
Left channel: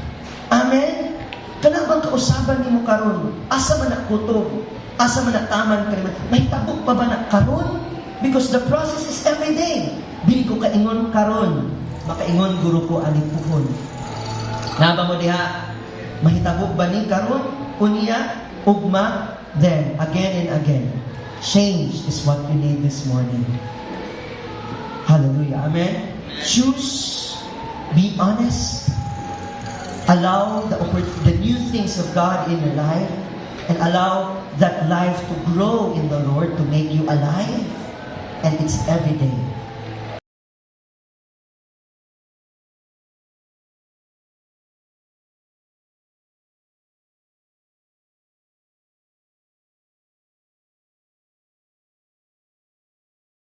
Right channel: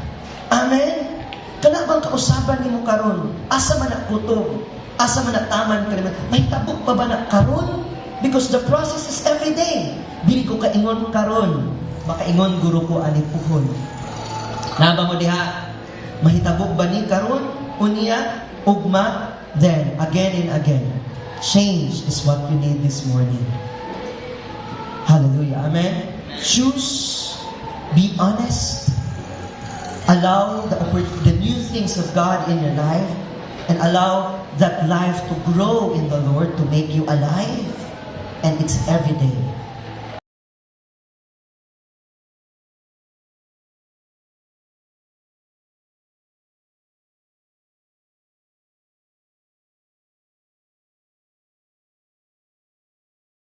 Amen? Kanabang kausaban ni mo karon, asa man nakutob, asa man nataman ka naman, may tabok pa ba na karon? Because the process is every day. Bili ko kaingon karon, makaingon guro ko anipuhon. Naba mo diha, mahitabok ba ni karon? Unya, ugma, then, again and again. Change is what you need this morning. Hallelujah. Amen? Choose, be honest, allow the new things of God in your life, and allow that life to grow in the Lord to make you alive. And it's every day.